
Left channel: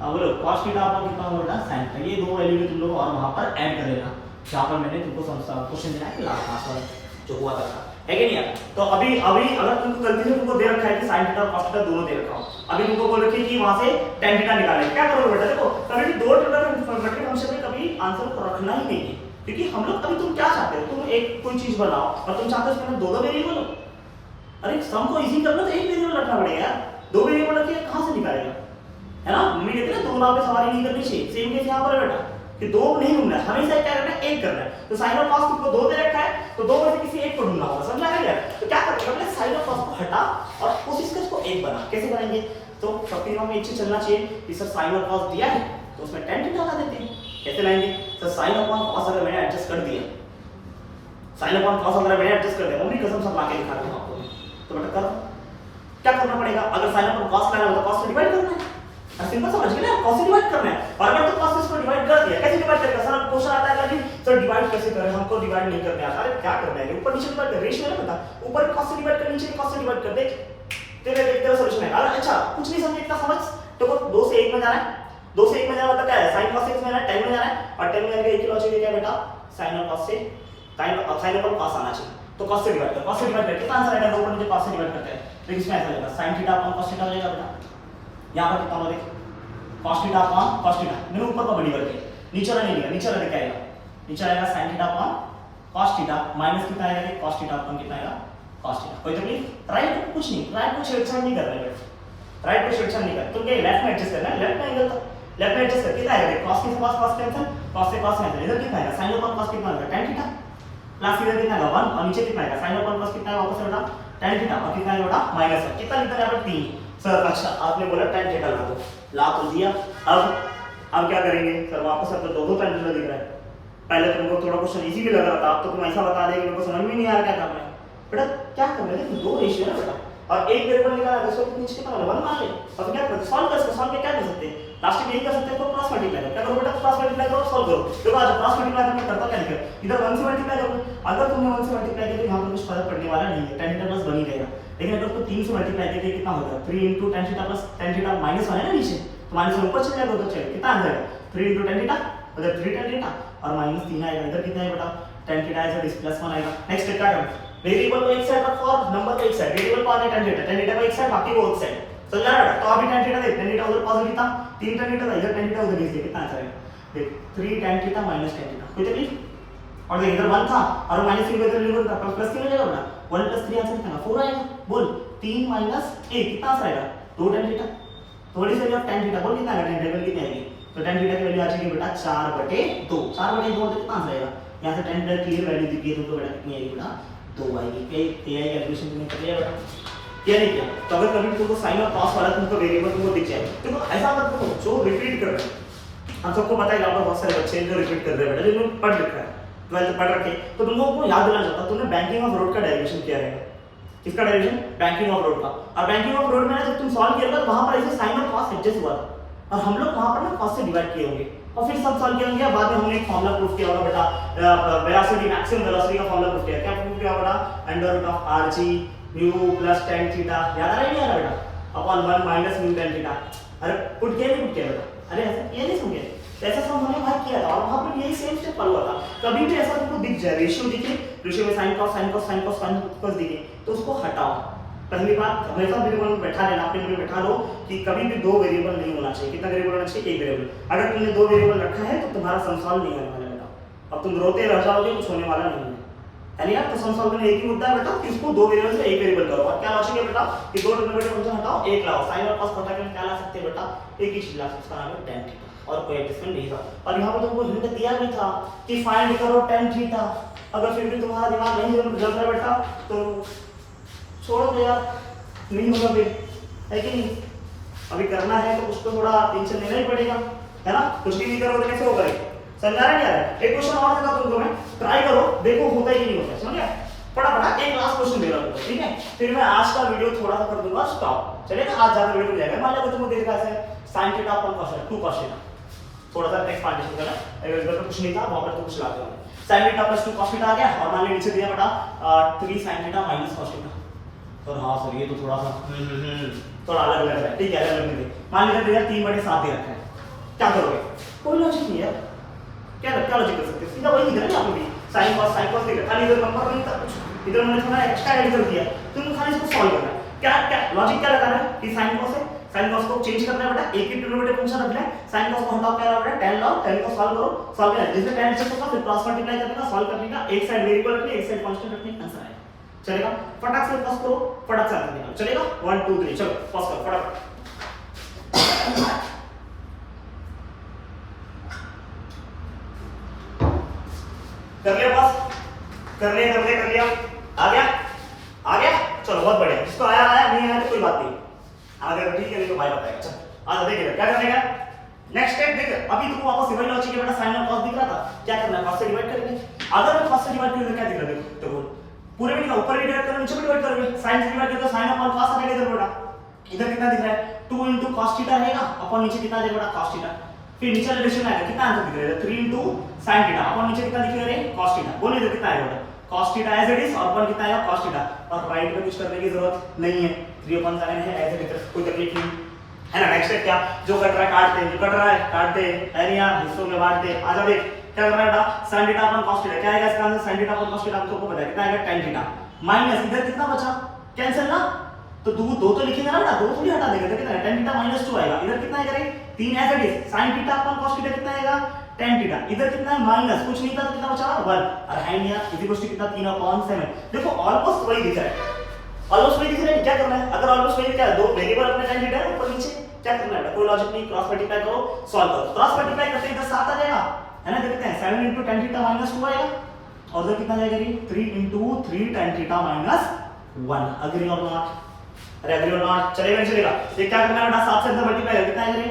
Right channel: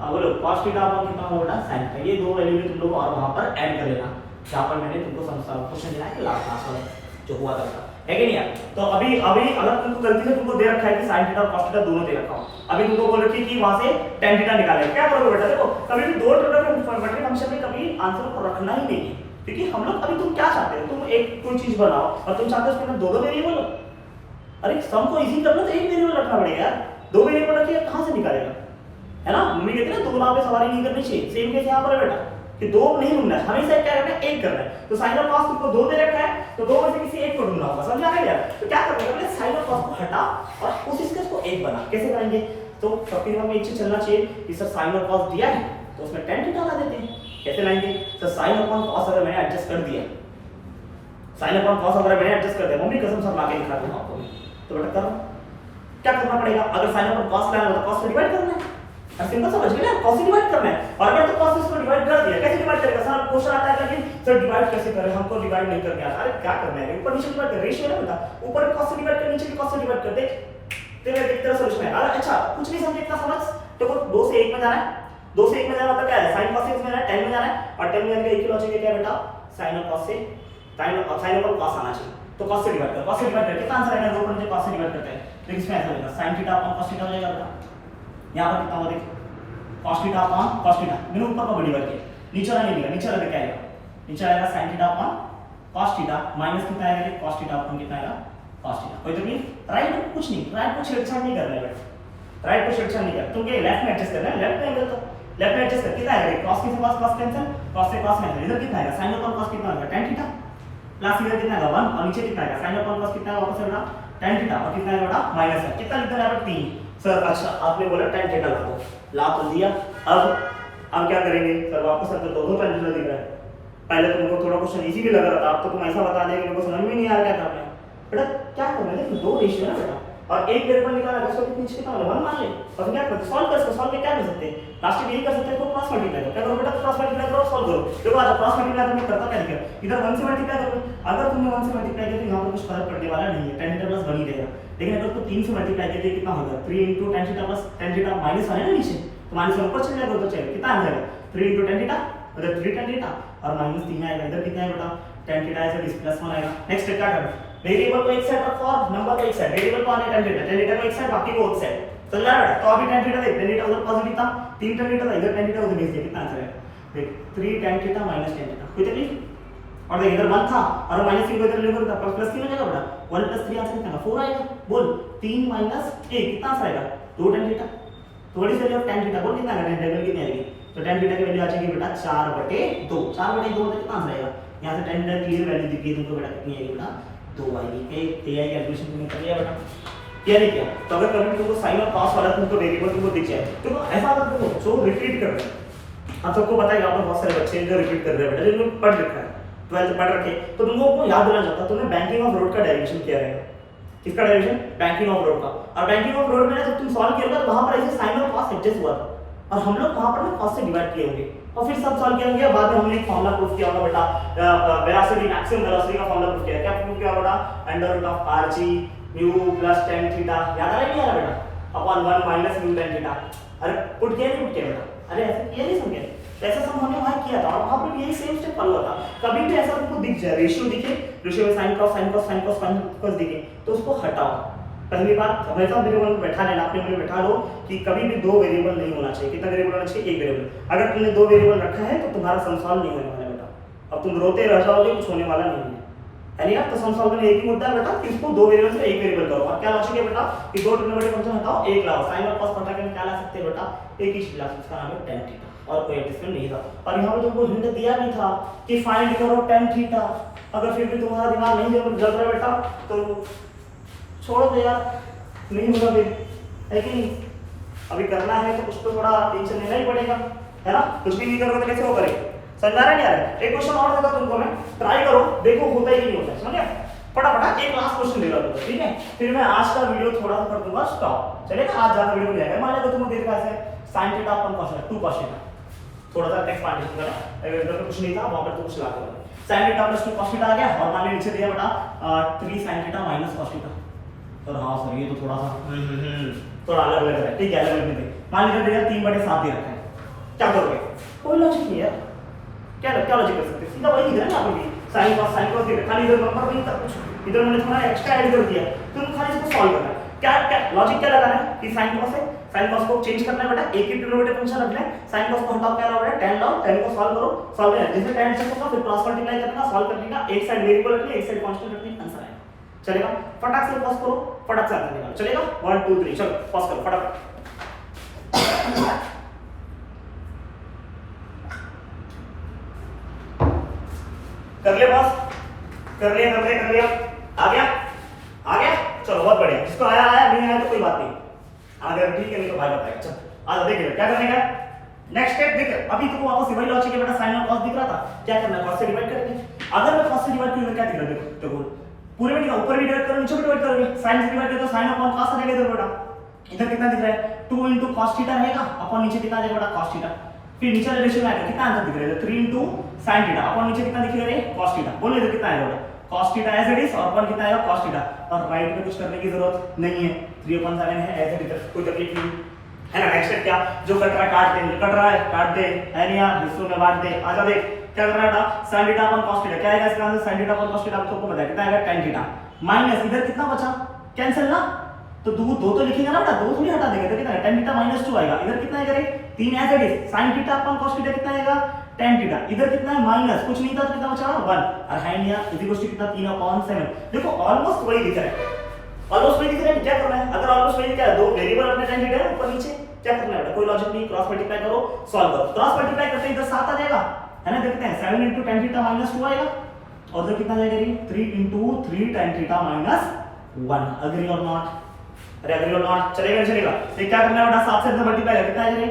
बोलो cos थीटा अपॉन कितना होगा sin थीटा, ये दो वैल्यू भी तुम लोग और वहां पर ऐड कर लेना, जहां पर मैंने तुमको क्वेश्चन दिया है लास्ट वाला, जो हुआ था है कि नहीं यार। तो अभी अभी अगर तुमको गलती से तुमको दे रखा है कि sin थीटा और cos थीटा दोनों दे रखा हो, अभी तुमको बोल रखी है कि वहां से tan थीटा निकालें, क्या करोगे बेटा? देखो कभी भी दो ट्रिग्नोमेट्रिक फंक्शन में कभी आंसर को रखना ही नहीं है, क्योंकि हम लोग अभी तुम क्या चाहते हो, तुम एक कोई चीज बनाओ और तुम चाहते हो उसके अंदर दो दो वेरिएबल हो। अरे सम को इजी करना तो एक वेरिएबल रखना पड़ेगा यार, दो वेरिएबल रखिए कहां से निकालेगा, है ना? मम्मी कहती है ना दो नाव पे सवारी नहीं करनी चाहिए, सेम केस यहाँ पर है बेटा कि दो नहीं ढूंढना है, हमेशा क्या करना है, एक करना है। तो साइन और कॉस तुमको दो दे रखा है, तो दो में से किसी एक को ढूंढना होगा, समझ आ रहा है यार? तो क्या करना है, साइन और कॉस को हटा और कोशिश कर उसको एक बना। कैसे बनाएंगे? तो सबके दिमाग में एक चीज चलना चाहिए कि सर साइन और कॉस दिया है तो उसमें tan थीटा लगा देते हैं। कैसे लाएंगे? तो साइन अपॉन कॉस अगर मैंने एडजस्ट कर दिया, साइन अपॉन कॉस अगर मैंने एडजस्ट कर दिया, मम्मी कसम से ला के दिखा दूंगा आपको, तो बेटा करो क्या करना पड़ेगा? अगर साइन अपॉन कॉस लाना है तो कॉस से डिवाइड करना है, सिंपल समझ गए ना? कॉस से डिवाइड करना है। और अगर तो कॉस से इसको डिवाइड कर दिया, कैसे डिवाइड करेगा? सर क्वेश्चन आता है कि सर डिवाइड कैसे करें, हमको डिवाइड नहीं करने आता। अरे क्या करना है, ऊपर नीचे डिवाइड कर, रेशियो है बेटा, ऊपर कॉस से डिवाइड कर, नीचे कॉस से डिवाइड कर दे, तेरे तेरा सॉल्यूशन है। अरे अच्छा कुछ नहीं समझे, इतना समझ, तो वो 2 से 1 में जाना है, 2 से 1 में जाना मतलब क्या है, sin cos से में जाना है, 10 में जाना है, और 10 में जाने का एक ही लॉजिक है क्या बेटा, sin और cos से sin और cos आना चाहिए, तो cos से डिवाइड कर, cos से डिवाइड करके कितना आंसर आएगा? 2 पर मुझे cos से डिवाइड करता है, तो इसमें ऐसा लगेगा sin theta upon cos theta रहेगा बेटा। यहां पर कितना हो देख, cos theta upon cos theta, मैंने ऊपर को डिवाइड किया, नीचे वाला नहीं दिया, नीचे वाला क्या आएगा, नीचे आएगा sin theta upon cos theta minus कितना आएगा, cos थीटा अपॉन कितना आएगा, cos थीटा। कोई तकलीफ? राइट कुछ नहीं, राइट को छेड़छाड़ नहीं करना है, राइट को छेड़छाड़ नहीं करना, तुमको लेफ्ट में एडजस्ट करना है, लेफ्ट में एंगल लेफ्ट में एडजस्ट कर, कितना आएगा, cos की cos cos कैंसिल, cos से cos कैंसिल, इधर कितना आएगा, sin अपॉन cos कितना आएगा, tan थीटा, प्लस इधर कितना आएगा 1, और नीचे कितना आएगा, sin अपॉन cos कितना आएगा, वापस से बेटा tan थीटा, और कितना आएगा बेटा माइनस है, कितना लिखना है बेटा 3। सर अच्छा आपने बोला tan थीटा लगा दो, ला तो दिया, अब क्या करेंगे सर, वापस अगर दो tan थीटा दिख रहा है, पहले तुमको थोड़ा क्वेश्चन इजी भी लग रहा था, अब तो तुम ऐसा बता देंगे मेरे को समझ में नहीं आ रहा क्या करना है बेटा। क्या करना है, देखो दो रेशियो है बेटा, और एक वेरिएबल निकाला है, उसको नीचे कितना होगा 1 मान ले, और क्या करते सॉल्व कर, सॉल्व में क्या कर सकते हैं, लास्ट में यही कर सकते हैं, तो क्रॉस मल्टीप्लाई करो, क्या करो बेटा, क्रॉस मल्टीप्लाई करो, सॉल्व करो। देखो आज क्रॉस मल्टीप्लाई करके करता क्या दिखेगा, इधर 1 से मल्टीप्लाई करो, अगर तुमने 1 से मल्टीप्लाई किया तो यहां पर कुछ फर्क पड़ने वाला नहीं है, tan थीटा प्लस 1 ही रहेगा, लेकिन अगर तुम 3 से मल्टीप्लाई करके कितना होगा, 3 tan theta plus tan theta minus 1 है ना नीचे, तो माइनस 1 ऊपर चले जाएगा, तो चलेगा कितना आ जाएगा, 3 tan थीटा, उधर 3 tan थीटा, और माइनस 3 आएगा, इधर कितना है बेटा tan थीटा आएगा, इस प्लस 1 आएगा। नेक्स्ट क्या करना, वेरिएबल को एक साइड रखो और नंबर को एक साइड, वेरिएबल को आने tan थीटा को एक साइड, बाकी को उस साइड, समझ आ रहा है? तो अभी tan थीटा देख, tan थीटा उधर पॉजिटिव था, 3 tan थीटा था, इधर tan थीटा उधर नीचे, कितना आंसर है देख, 3 tan theta minus tan theta, कोई तकलीफ? और देख इधर 1 था और माइनस 3 को इधर ले लो, प्लस 3 हो जाएगा बेटा, 1 + 3 आंसर कितना 4 आएगा, बोल 3 - 1 कितना आंसर आएगा, 2 tan थीटा, थोड़ी सी जब tan थीटा बोल कितना आएगा, tan थीटा कितनी आएगी, तो tan थीटा की वैल्यू आ जाएगी बेटा 4/2, 4/2 तो कितना आंसर आएगा, यहां से tan थीटा की वैल्यू दिख गई तुमको बेटा, कितनी आएगी बेटा 2 आएगी। एआई कैलकुलेशन तुमने कर लिया बेटा, क्या नहीं किया? तो अगर कभी तुमको साइन और कॉस वाला तुमको वेरिएबल तुमको दिख जाए, तो ऐसा मत करो जो रिपीट कर रहे हैं, हम सबको पता है कि आप बहुत सारे बच्चे हैं जो रिपीट कर रहे हैं बेटा, जिन्होंने पढ़ रखा है 12th पढ़ रखे, तो तुमको वो याद दिलाना चाहता, तुमने बैंकिंग ऑफ रोड का डेरिवेशन किया रहेगा, किसका डेरिवेशन, बैंकिंग ऑफ रोड का, और बैंकिंग ऑफ रोड में जब तुम सॉल्व किया था वहां पर ऐसे साइन और कॉस एडजस्ट हुआ था, और हम लोग वहां पर ना कॉस से डिवाइड किए होंगे, और फिर सब सॉल्व किया होंगे, बाद में हमने एक फार्मूला प्रूफ किया होगा बेटा, वेलोसिटी मैक्सिमम वेलोसिटी का फार्मूला प्रूफ किया, क्या प्रूफ किया बेटा, √rg mu plus tan theta, याद आ रहा है क्या बेटा, upon 1 minus mu tan theta, अरे पुट किया नहीं, पुट किया बेटा, अरे ऐसा किया नहीं समझे, तो ऐसा सब हमने वहां किया था, और वहां पर यही सेम स्टेप फॉलो था। कभी भी ऐसा तुमको दिख जाए, रेशियो दिखे, रेशियो में sin cos sin cos sin cos sin cos दिखे, तो उसको हटाओ। पहली बात हमेशा वेरिएबल में बैठा लेना, अपने में बैठा लो कि कभी भी दो वेरिएबल नहीं होना चाहिए, कितना वेरिएबल होना चाहिए, एक वेरिएबल, अगर तुमने दो वेरिएबल रखा है तो तुम्हारा सम सॉल्व नहीं होने वाला बेटा, अब तुम रोते रह जाओगे, कुछ होने वाला नहीं है यार, तो सम सॉल्व में एक ही मुद्दा है बेटा कि इसको दो वेरिएबल से एक वेरिएबल करो, और क्या लॉजिक है बेटा कि दो ट्रिग्नोमेट्रिक फंक्शन हटाओ, एक लाओ, sin और cos पता क्या ला सकते हैं बेटा, एक ही चीज ला सकते हैं, उसका नाम है tan थीटा, और कोई एडजस्टमेंट नहीं था, और यहाँ पे तुमको हिंट दिया भी था कि फाइंड करो tan थीटा, अगर फिर भी तुम्हारा दिमाग नहीं जल रहा बेटा तो छोड़ दो यार, नहीं होगा फिर, है कि नहीं, अभी करना है तो उसको थोड़ा टेंशन लेना ही पड़ेगा, है ना, कुछ भी नहीं करोगे तो कैसे वो करेगा, समझ आ रहा है क्या है? एक क्वेश्चन और देता तुमको मैं, ट्राई करो, देखो होता है कि नहीं होता है, समझ गए? फटाफट एक लास्ट क्वेश्चन दे रहा हूं, ठीक है, फिर मैं आज का वीडियो थोड़ा सा कर दूंगा स्टॉप, चलिए आज ज्यादा वीडियो मिलेगा, मान लो तुमको देख रहा है sin theta upon cos theta, 2 cos theta, थोड़ा सा एक्सपांडेशन करना, अगर इधर पे कुछ नहीं था वहां पर तो कुछ ला दो, sin theta plus 2 cos theta आ गया, और मान लीजिए नीचे दिया बेटा 3 sin theta minus cos theta, और हाँ सर ये तो थोड़ा सा थोड़ा अलग लग रहा है, ठीक है अलग लगने दे, मान लीजिए दिया 3/7 दे रखा है, क्या करोगे, कोई लॉजिक नहीं है, क्या लॉजिक कर सकते हैं, सीधा वही दिख रहा है ना, आपको भी साइन कॉस देख खाली इधर नंबर नहीं था कुछ, इधर मैंने थोड़ा एक्स्ट्रा ऐड कर दिया, तुमको खाली इसको सॉल्व करना है। क्या क्या लॉजिक क्या लगाना है कि साइन कॉस है, साइन कॉस को चेंज करना है बेटा, एक ही डिनोमिनेटर फंक्शन रखना है, साइन कॉस को हटाओ क्या लाओ बेटा tan लाओ, tan को सॉल्व करो, सॉल्व करना जैसे tan एडजस्ट होगा फिर क्रॉस मल्टीप्लाई करना, सॉल्व करने का, एक साइड वेरिएबल रखनी है एक साइड कांस्टेंट रखनी, आंसर आएगा। चलेगा फटाक से पॉज करो, फटाक से आंसर निकालो। चलेगा 1 2 3 चलो पॉज करो फटाफट। कर लिया पॉज, कर लिया आ गया चलो बहुत बढ़िया, जिसको आया नहीं आया तो कोई बात नहीं, आ गया ठीक है नहीं तो भाई बताएगा। चलो आ देखिए क्या करने का नेक्स्ट स्टेप देख, अभी तुमको वापस वही लॉजिक है बेटा, साइन और कॉस दिख रहा था, क्या करना है कॉस से डिवाइड करेंगे। अगर मैं कॉस से डिवाइड करूं तो क्या दिख रहा है देखो पूरे में नहीं ऊपर डिवाइड करो नीचे भी डिवाइड करोगे, साइन से डिवाइड करो तो साइन अपॉन कॉस आ जाएगा इधर बेटा, इधर कितना दिख रहा है 2 into cos थीटा रहेगा अपॉन नीचे कितना आ जाएगा बेटा cos थीटा, फिर नीचे रिलेशन आएगा कितना आंसर दिख रहा है 3 into sin थीटा अपॉन नीचे कितना दिख रहा है cos थीटा, बोलो इधर कितना आएगा बेटा cos theta as it is और अपॉन कितना आएगा cos थीटा, और राइट में कुछ करने की जरूरत नहीं है 3/7 है एज इट इज, कोई तकलीफ नहीं है ना। नेक्स्ट स्टेप क्या, जो कट रहा है काट दे, कट रहा है काट दे, है नहीं यार हिस्सों में बांट दे। आजा देख क्या करना है बेटा sin theta upon cos theta, क्या आएगा इसका answer sin theta upon cos theta, आपको पता है कितना आएगा tan थीटा, माइनस इधर कितना बचा कैंसिल ना, तो दो तो लिखेगा ना बेटा, दो थोड़ी हटा देगा, तो कितना tan थीटा -2 आएगा, इधर कितना आएगा रे 3 as it is, sin theta upon cos theta कितना आएगा tan थीटा, इधर कितना है माइनस कुछ नहीं था तो कितना बचा 1, और है नहीं यार इधर कितना 3/7, देखो ऑलमोस्ट वही दिख रहा है, ऑलमोस्ट वही दिख रहा है। क्या करना है अगर ऑलमोस्ट वही क्या है, दो वेरिएबल अपने tan थीटा है ऊपर नीचे, क्या करना है कोई लॉजिक नहीं, क्रॉस मल्टीप्लाई करो सॉल्व करो, क्रॉस मल्टीप्लाई करते इधर 7 आ जाएगा है ना, देखते हैं 7 into tan थीटा -2 आएगा, और इधर कितना जाएगा रे 3 into 3 tan थीटा -1, एग्री और नॉट, अरे एग्री और नॉट चलेगा। ये क्या करना है बेटा 7 से इधर मल्टीप्लाई कर कितना आएगा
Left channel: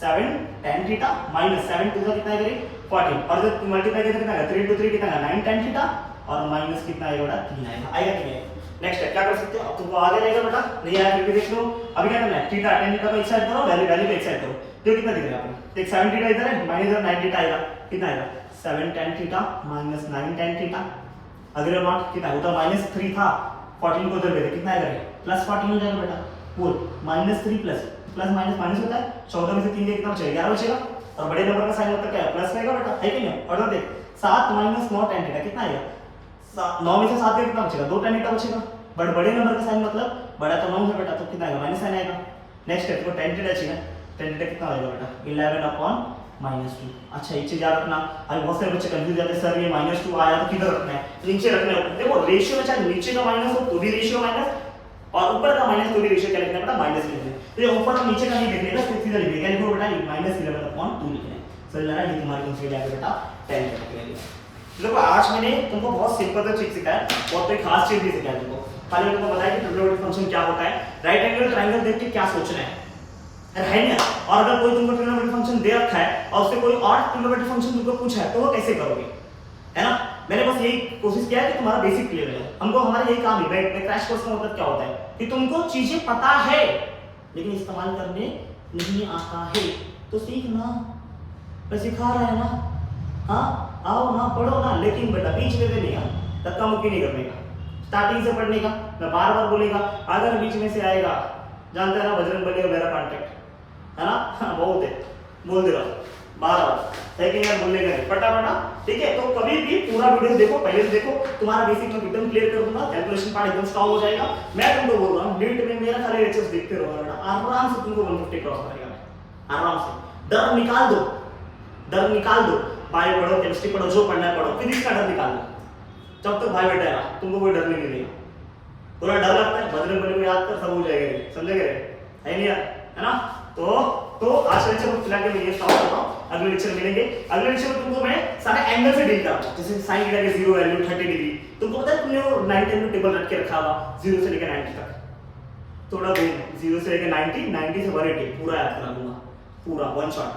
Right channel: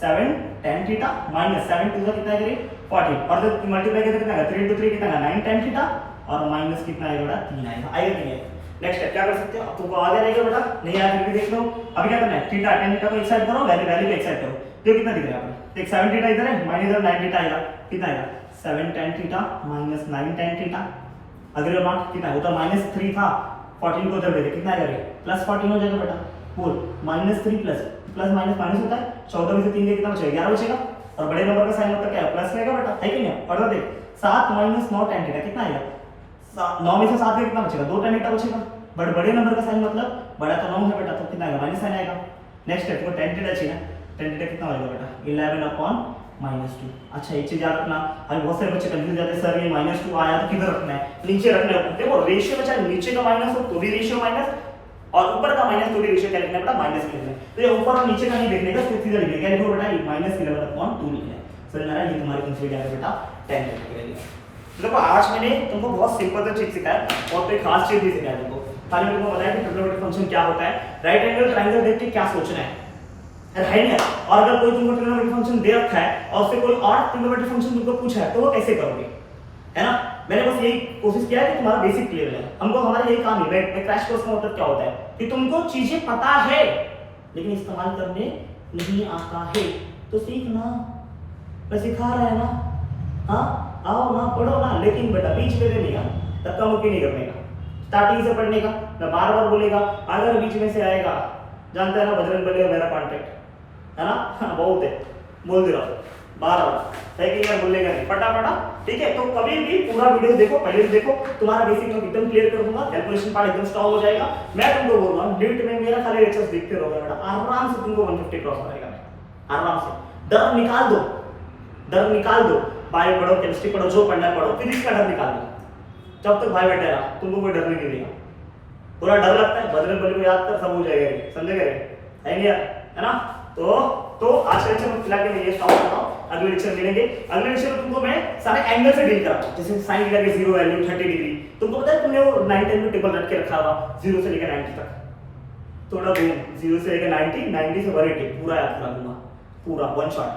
7 tan थीटा -7 2 कितना आएगा 14, और जब मल्टीप्लाई करके कितना आएगा 3 into 3 कितना आएगा 9 tan थीटा, और माइनस कितना आएगा बेटा 3 आएगा नहीं। नेक्स्ट स्टेप क्या कर सकते हो, अब तुमको आ जाएगा बेटा, नहीं आया फिर भी देख लो। अभी क्या करना है थीटा tan थीटा को एक साइड करो, वैल्यू को एक साइड करो, देखो कितना दिख रहा है आपको, एक 7 थीटा इधर है माइनस इधर 9 थीटा आएगा, कितना आएगा 7 tan थीटा -9 tan थीटा, अगर ये नॉट कितना है तो -3 था 14 को उधर दे दे कितना आएगा रे +14 हो जाएगा बेटा, बोल -3 प्लस माइनस माइनस होता है 14 में से 3 कितना बचेगा 11 बचेगा, और बड़े नंबर का साइन मतलब क्या है प्लस रहेगा बेटा, है कि नहीं। और देख 7 - 9 tan थीटा कितना आएगा 9 में से 7 का कितना बचेगा 2 tan थीटा बचेगा, बट बड़े नंबर का साइन मतलब बड़ा तो 9 है बेटा, तो कितना आएगा माइनस साइन आएगा। नेक्स्ट स्टेप को tan थीटा चाहिए, tan थीटा कितना हो जाएगा बेटा 11/-2। अच्छा एक चीज याद रखना, अभी बहुत सारे बच्चे कंफ्यूज जाते हैं सर ये -2 आया तो किधर रखना है, नीचे रखना है। देखो रेशियो में चाहे नीचे का माइनस हो तो भी रेशियो माइनस, और ऊपर का माइनस तो भी रेशियो क्या लिखना है बेटा माइनस लिखना है, तो ये ऊपर और नीचे का नहीं देखने का, सीधा लिखना है, क्या लिखो बेटा ये -11/2 लिखना है। समझ में आ रहा है, ये तुम्हारी कंसीडर जाएगा बेटा tan थीटा की वैल्यू। देखो आज मैंने तुमको बहुत सिंपल सा चीज सिखाया और कोई खास चीज नहीं सिखाया तुमको, खाली मैंने तुमको बताया कि ट्रिग्नोमेट्रिक फंक्शन क्या होता है, राइट एंगल ट्रायंगल देख के क्या सोचना है नहीं। और अगर कोई तुमको ट्रिग्नोमेट्रिक फंक्शन दे रखा है और उससे कोई और ट्रिग्नोमेट्रिक फंक्शन तुमको पूछा है तो वो कैसे करोगे, है ना। मैंने बस यही कोशिश किया है कि तुम्हारा बेसिक क्लियर है, हमको हमारा यही काम है। मैं क्रैश कोर्स का मतलब क्या होता है कि तुमको चीजें पता है लेकिन इस्तेमाल करने नहीं आता है, तो सीखना, मैं सिखा रहा है ना, हाँ आओ ना पढ़ो ना, लेकिन बेटा बीच में देने का धक्का मुक्की नहीं करने का, स्टार्टिंग से पढ़ने का। मैं बार बार बोलेगा अगर बीच में से आएगा, जानता है ना बजरंग बली और मेरा कॉन्टेक्ट है ना, बहुत है बोल दे रहा हूँ बार बार, है कि यार बोलने का नहीं फटाफट, ठीक है। तो कभी भी पूरा वीडियो देखो, पहले से देखो, तुम्हारा बेसिक मैं एकदम क्लियर कर दूंगा, कैलकुलेशन पार्ट एकदम स्ट्रांग हो जाएगा। मैं तुमको बोल रहा हूँ डिट में मेरा खाली लेक्चर्स देखते रहोगे बेटा, आराम से तुमको 150 क्रॉस करेगा, आराम से। डर निकाल दो, डर निकाल दो, बायो पढ़ो, केमिस्ट्री पढ़ो, जो पढ़ना है पढ़ो, फिजिक्स का डर निकाल दो। जब तक भाई बेटा है ना तुमको कोई डर नहीं मिलेगा, पूरा डर लगता है बजरंग बली को याद कर सब हो जाएगा, समझेगा है नहीं यार, है ना। तो आज के लेक्चर में फिलहाल के लिए स्टॉप कर रहा हूं, अगले लेक्चर मिलेंगे। अगले लेक्चर में तुमको मैं सारे एंगल से डील कराऊंगा, जैसे साइन थीटा के 0 वैल्यू 30 डिग्री, तुमको पता है तुमने वो 9-10 में टेबल रख के रखा हुआ 0 से लेकर 90 तक, थोड़ा घूम 0 से लेकर 90 से 180 पूरा याद करा दूंगा, पूरा वन शॉट,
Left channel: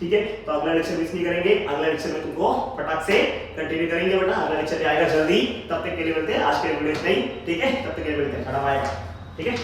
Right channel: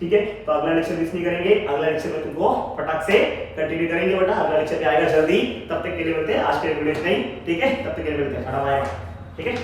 ठीक है। तो अगला लेक्चर मिस नहीं करेंगे, अगला लेक्चर में तुमको फटाक से कंटिन्यू करेंगे बेटा, अगला लेक्चर आएगा जल्दी। तब तक के लिए मिलते हैं, आज के वीडियो इतना ही, ठीक है। तब तक के लिए मिलते हैं, बाय बाय, ठीक है।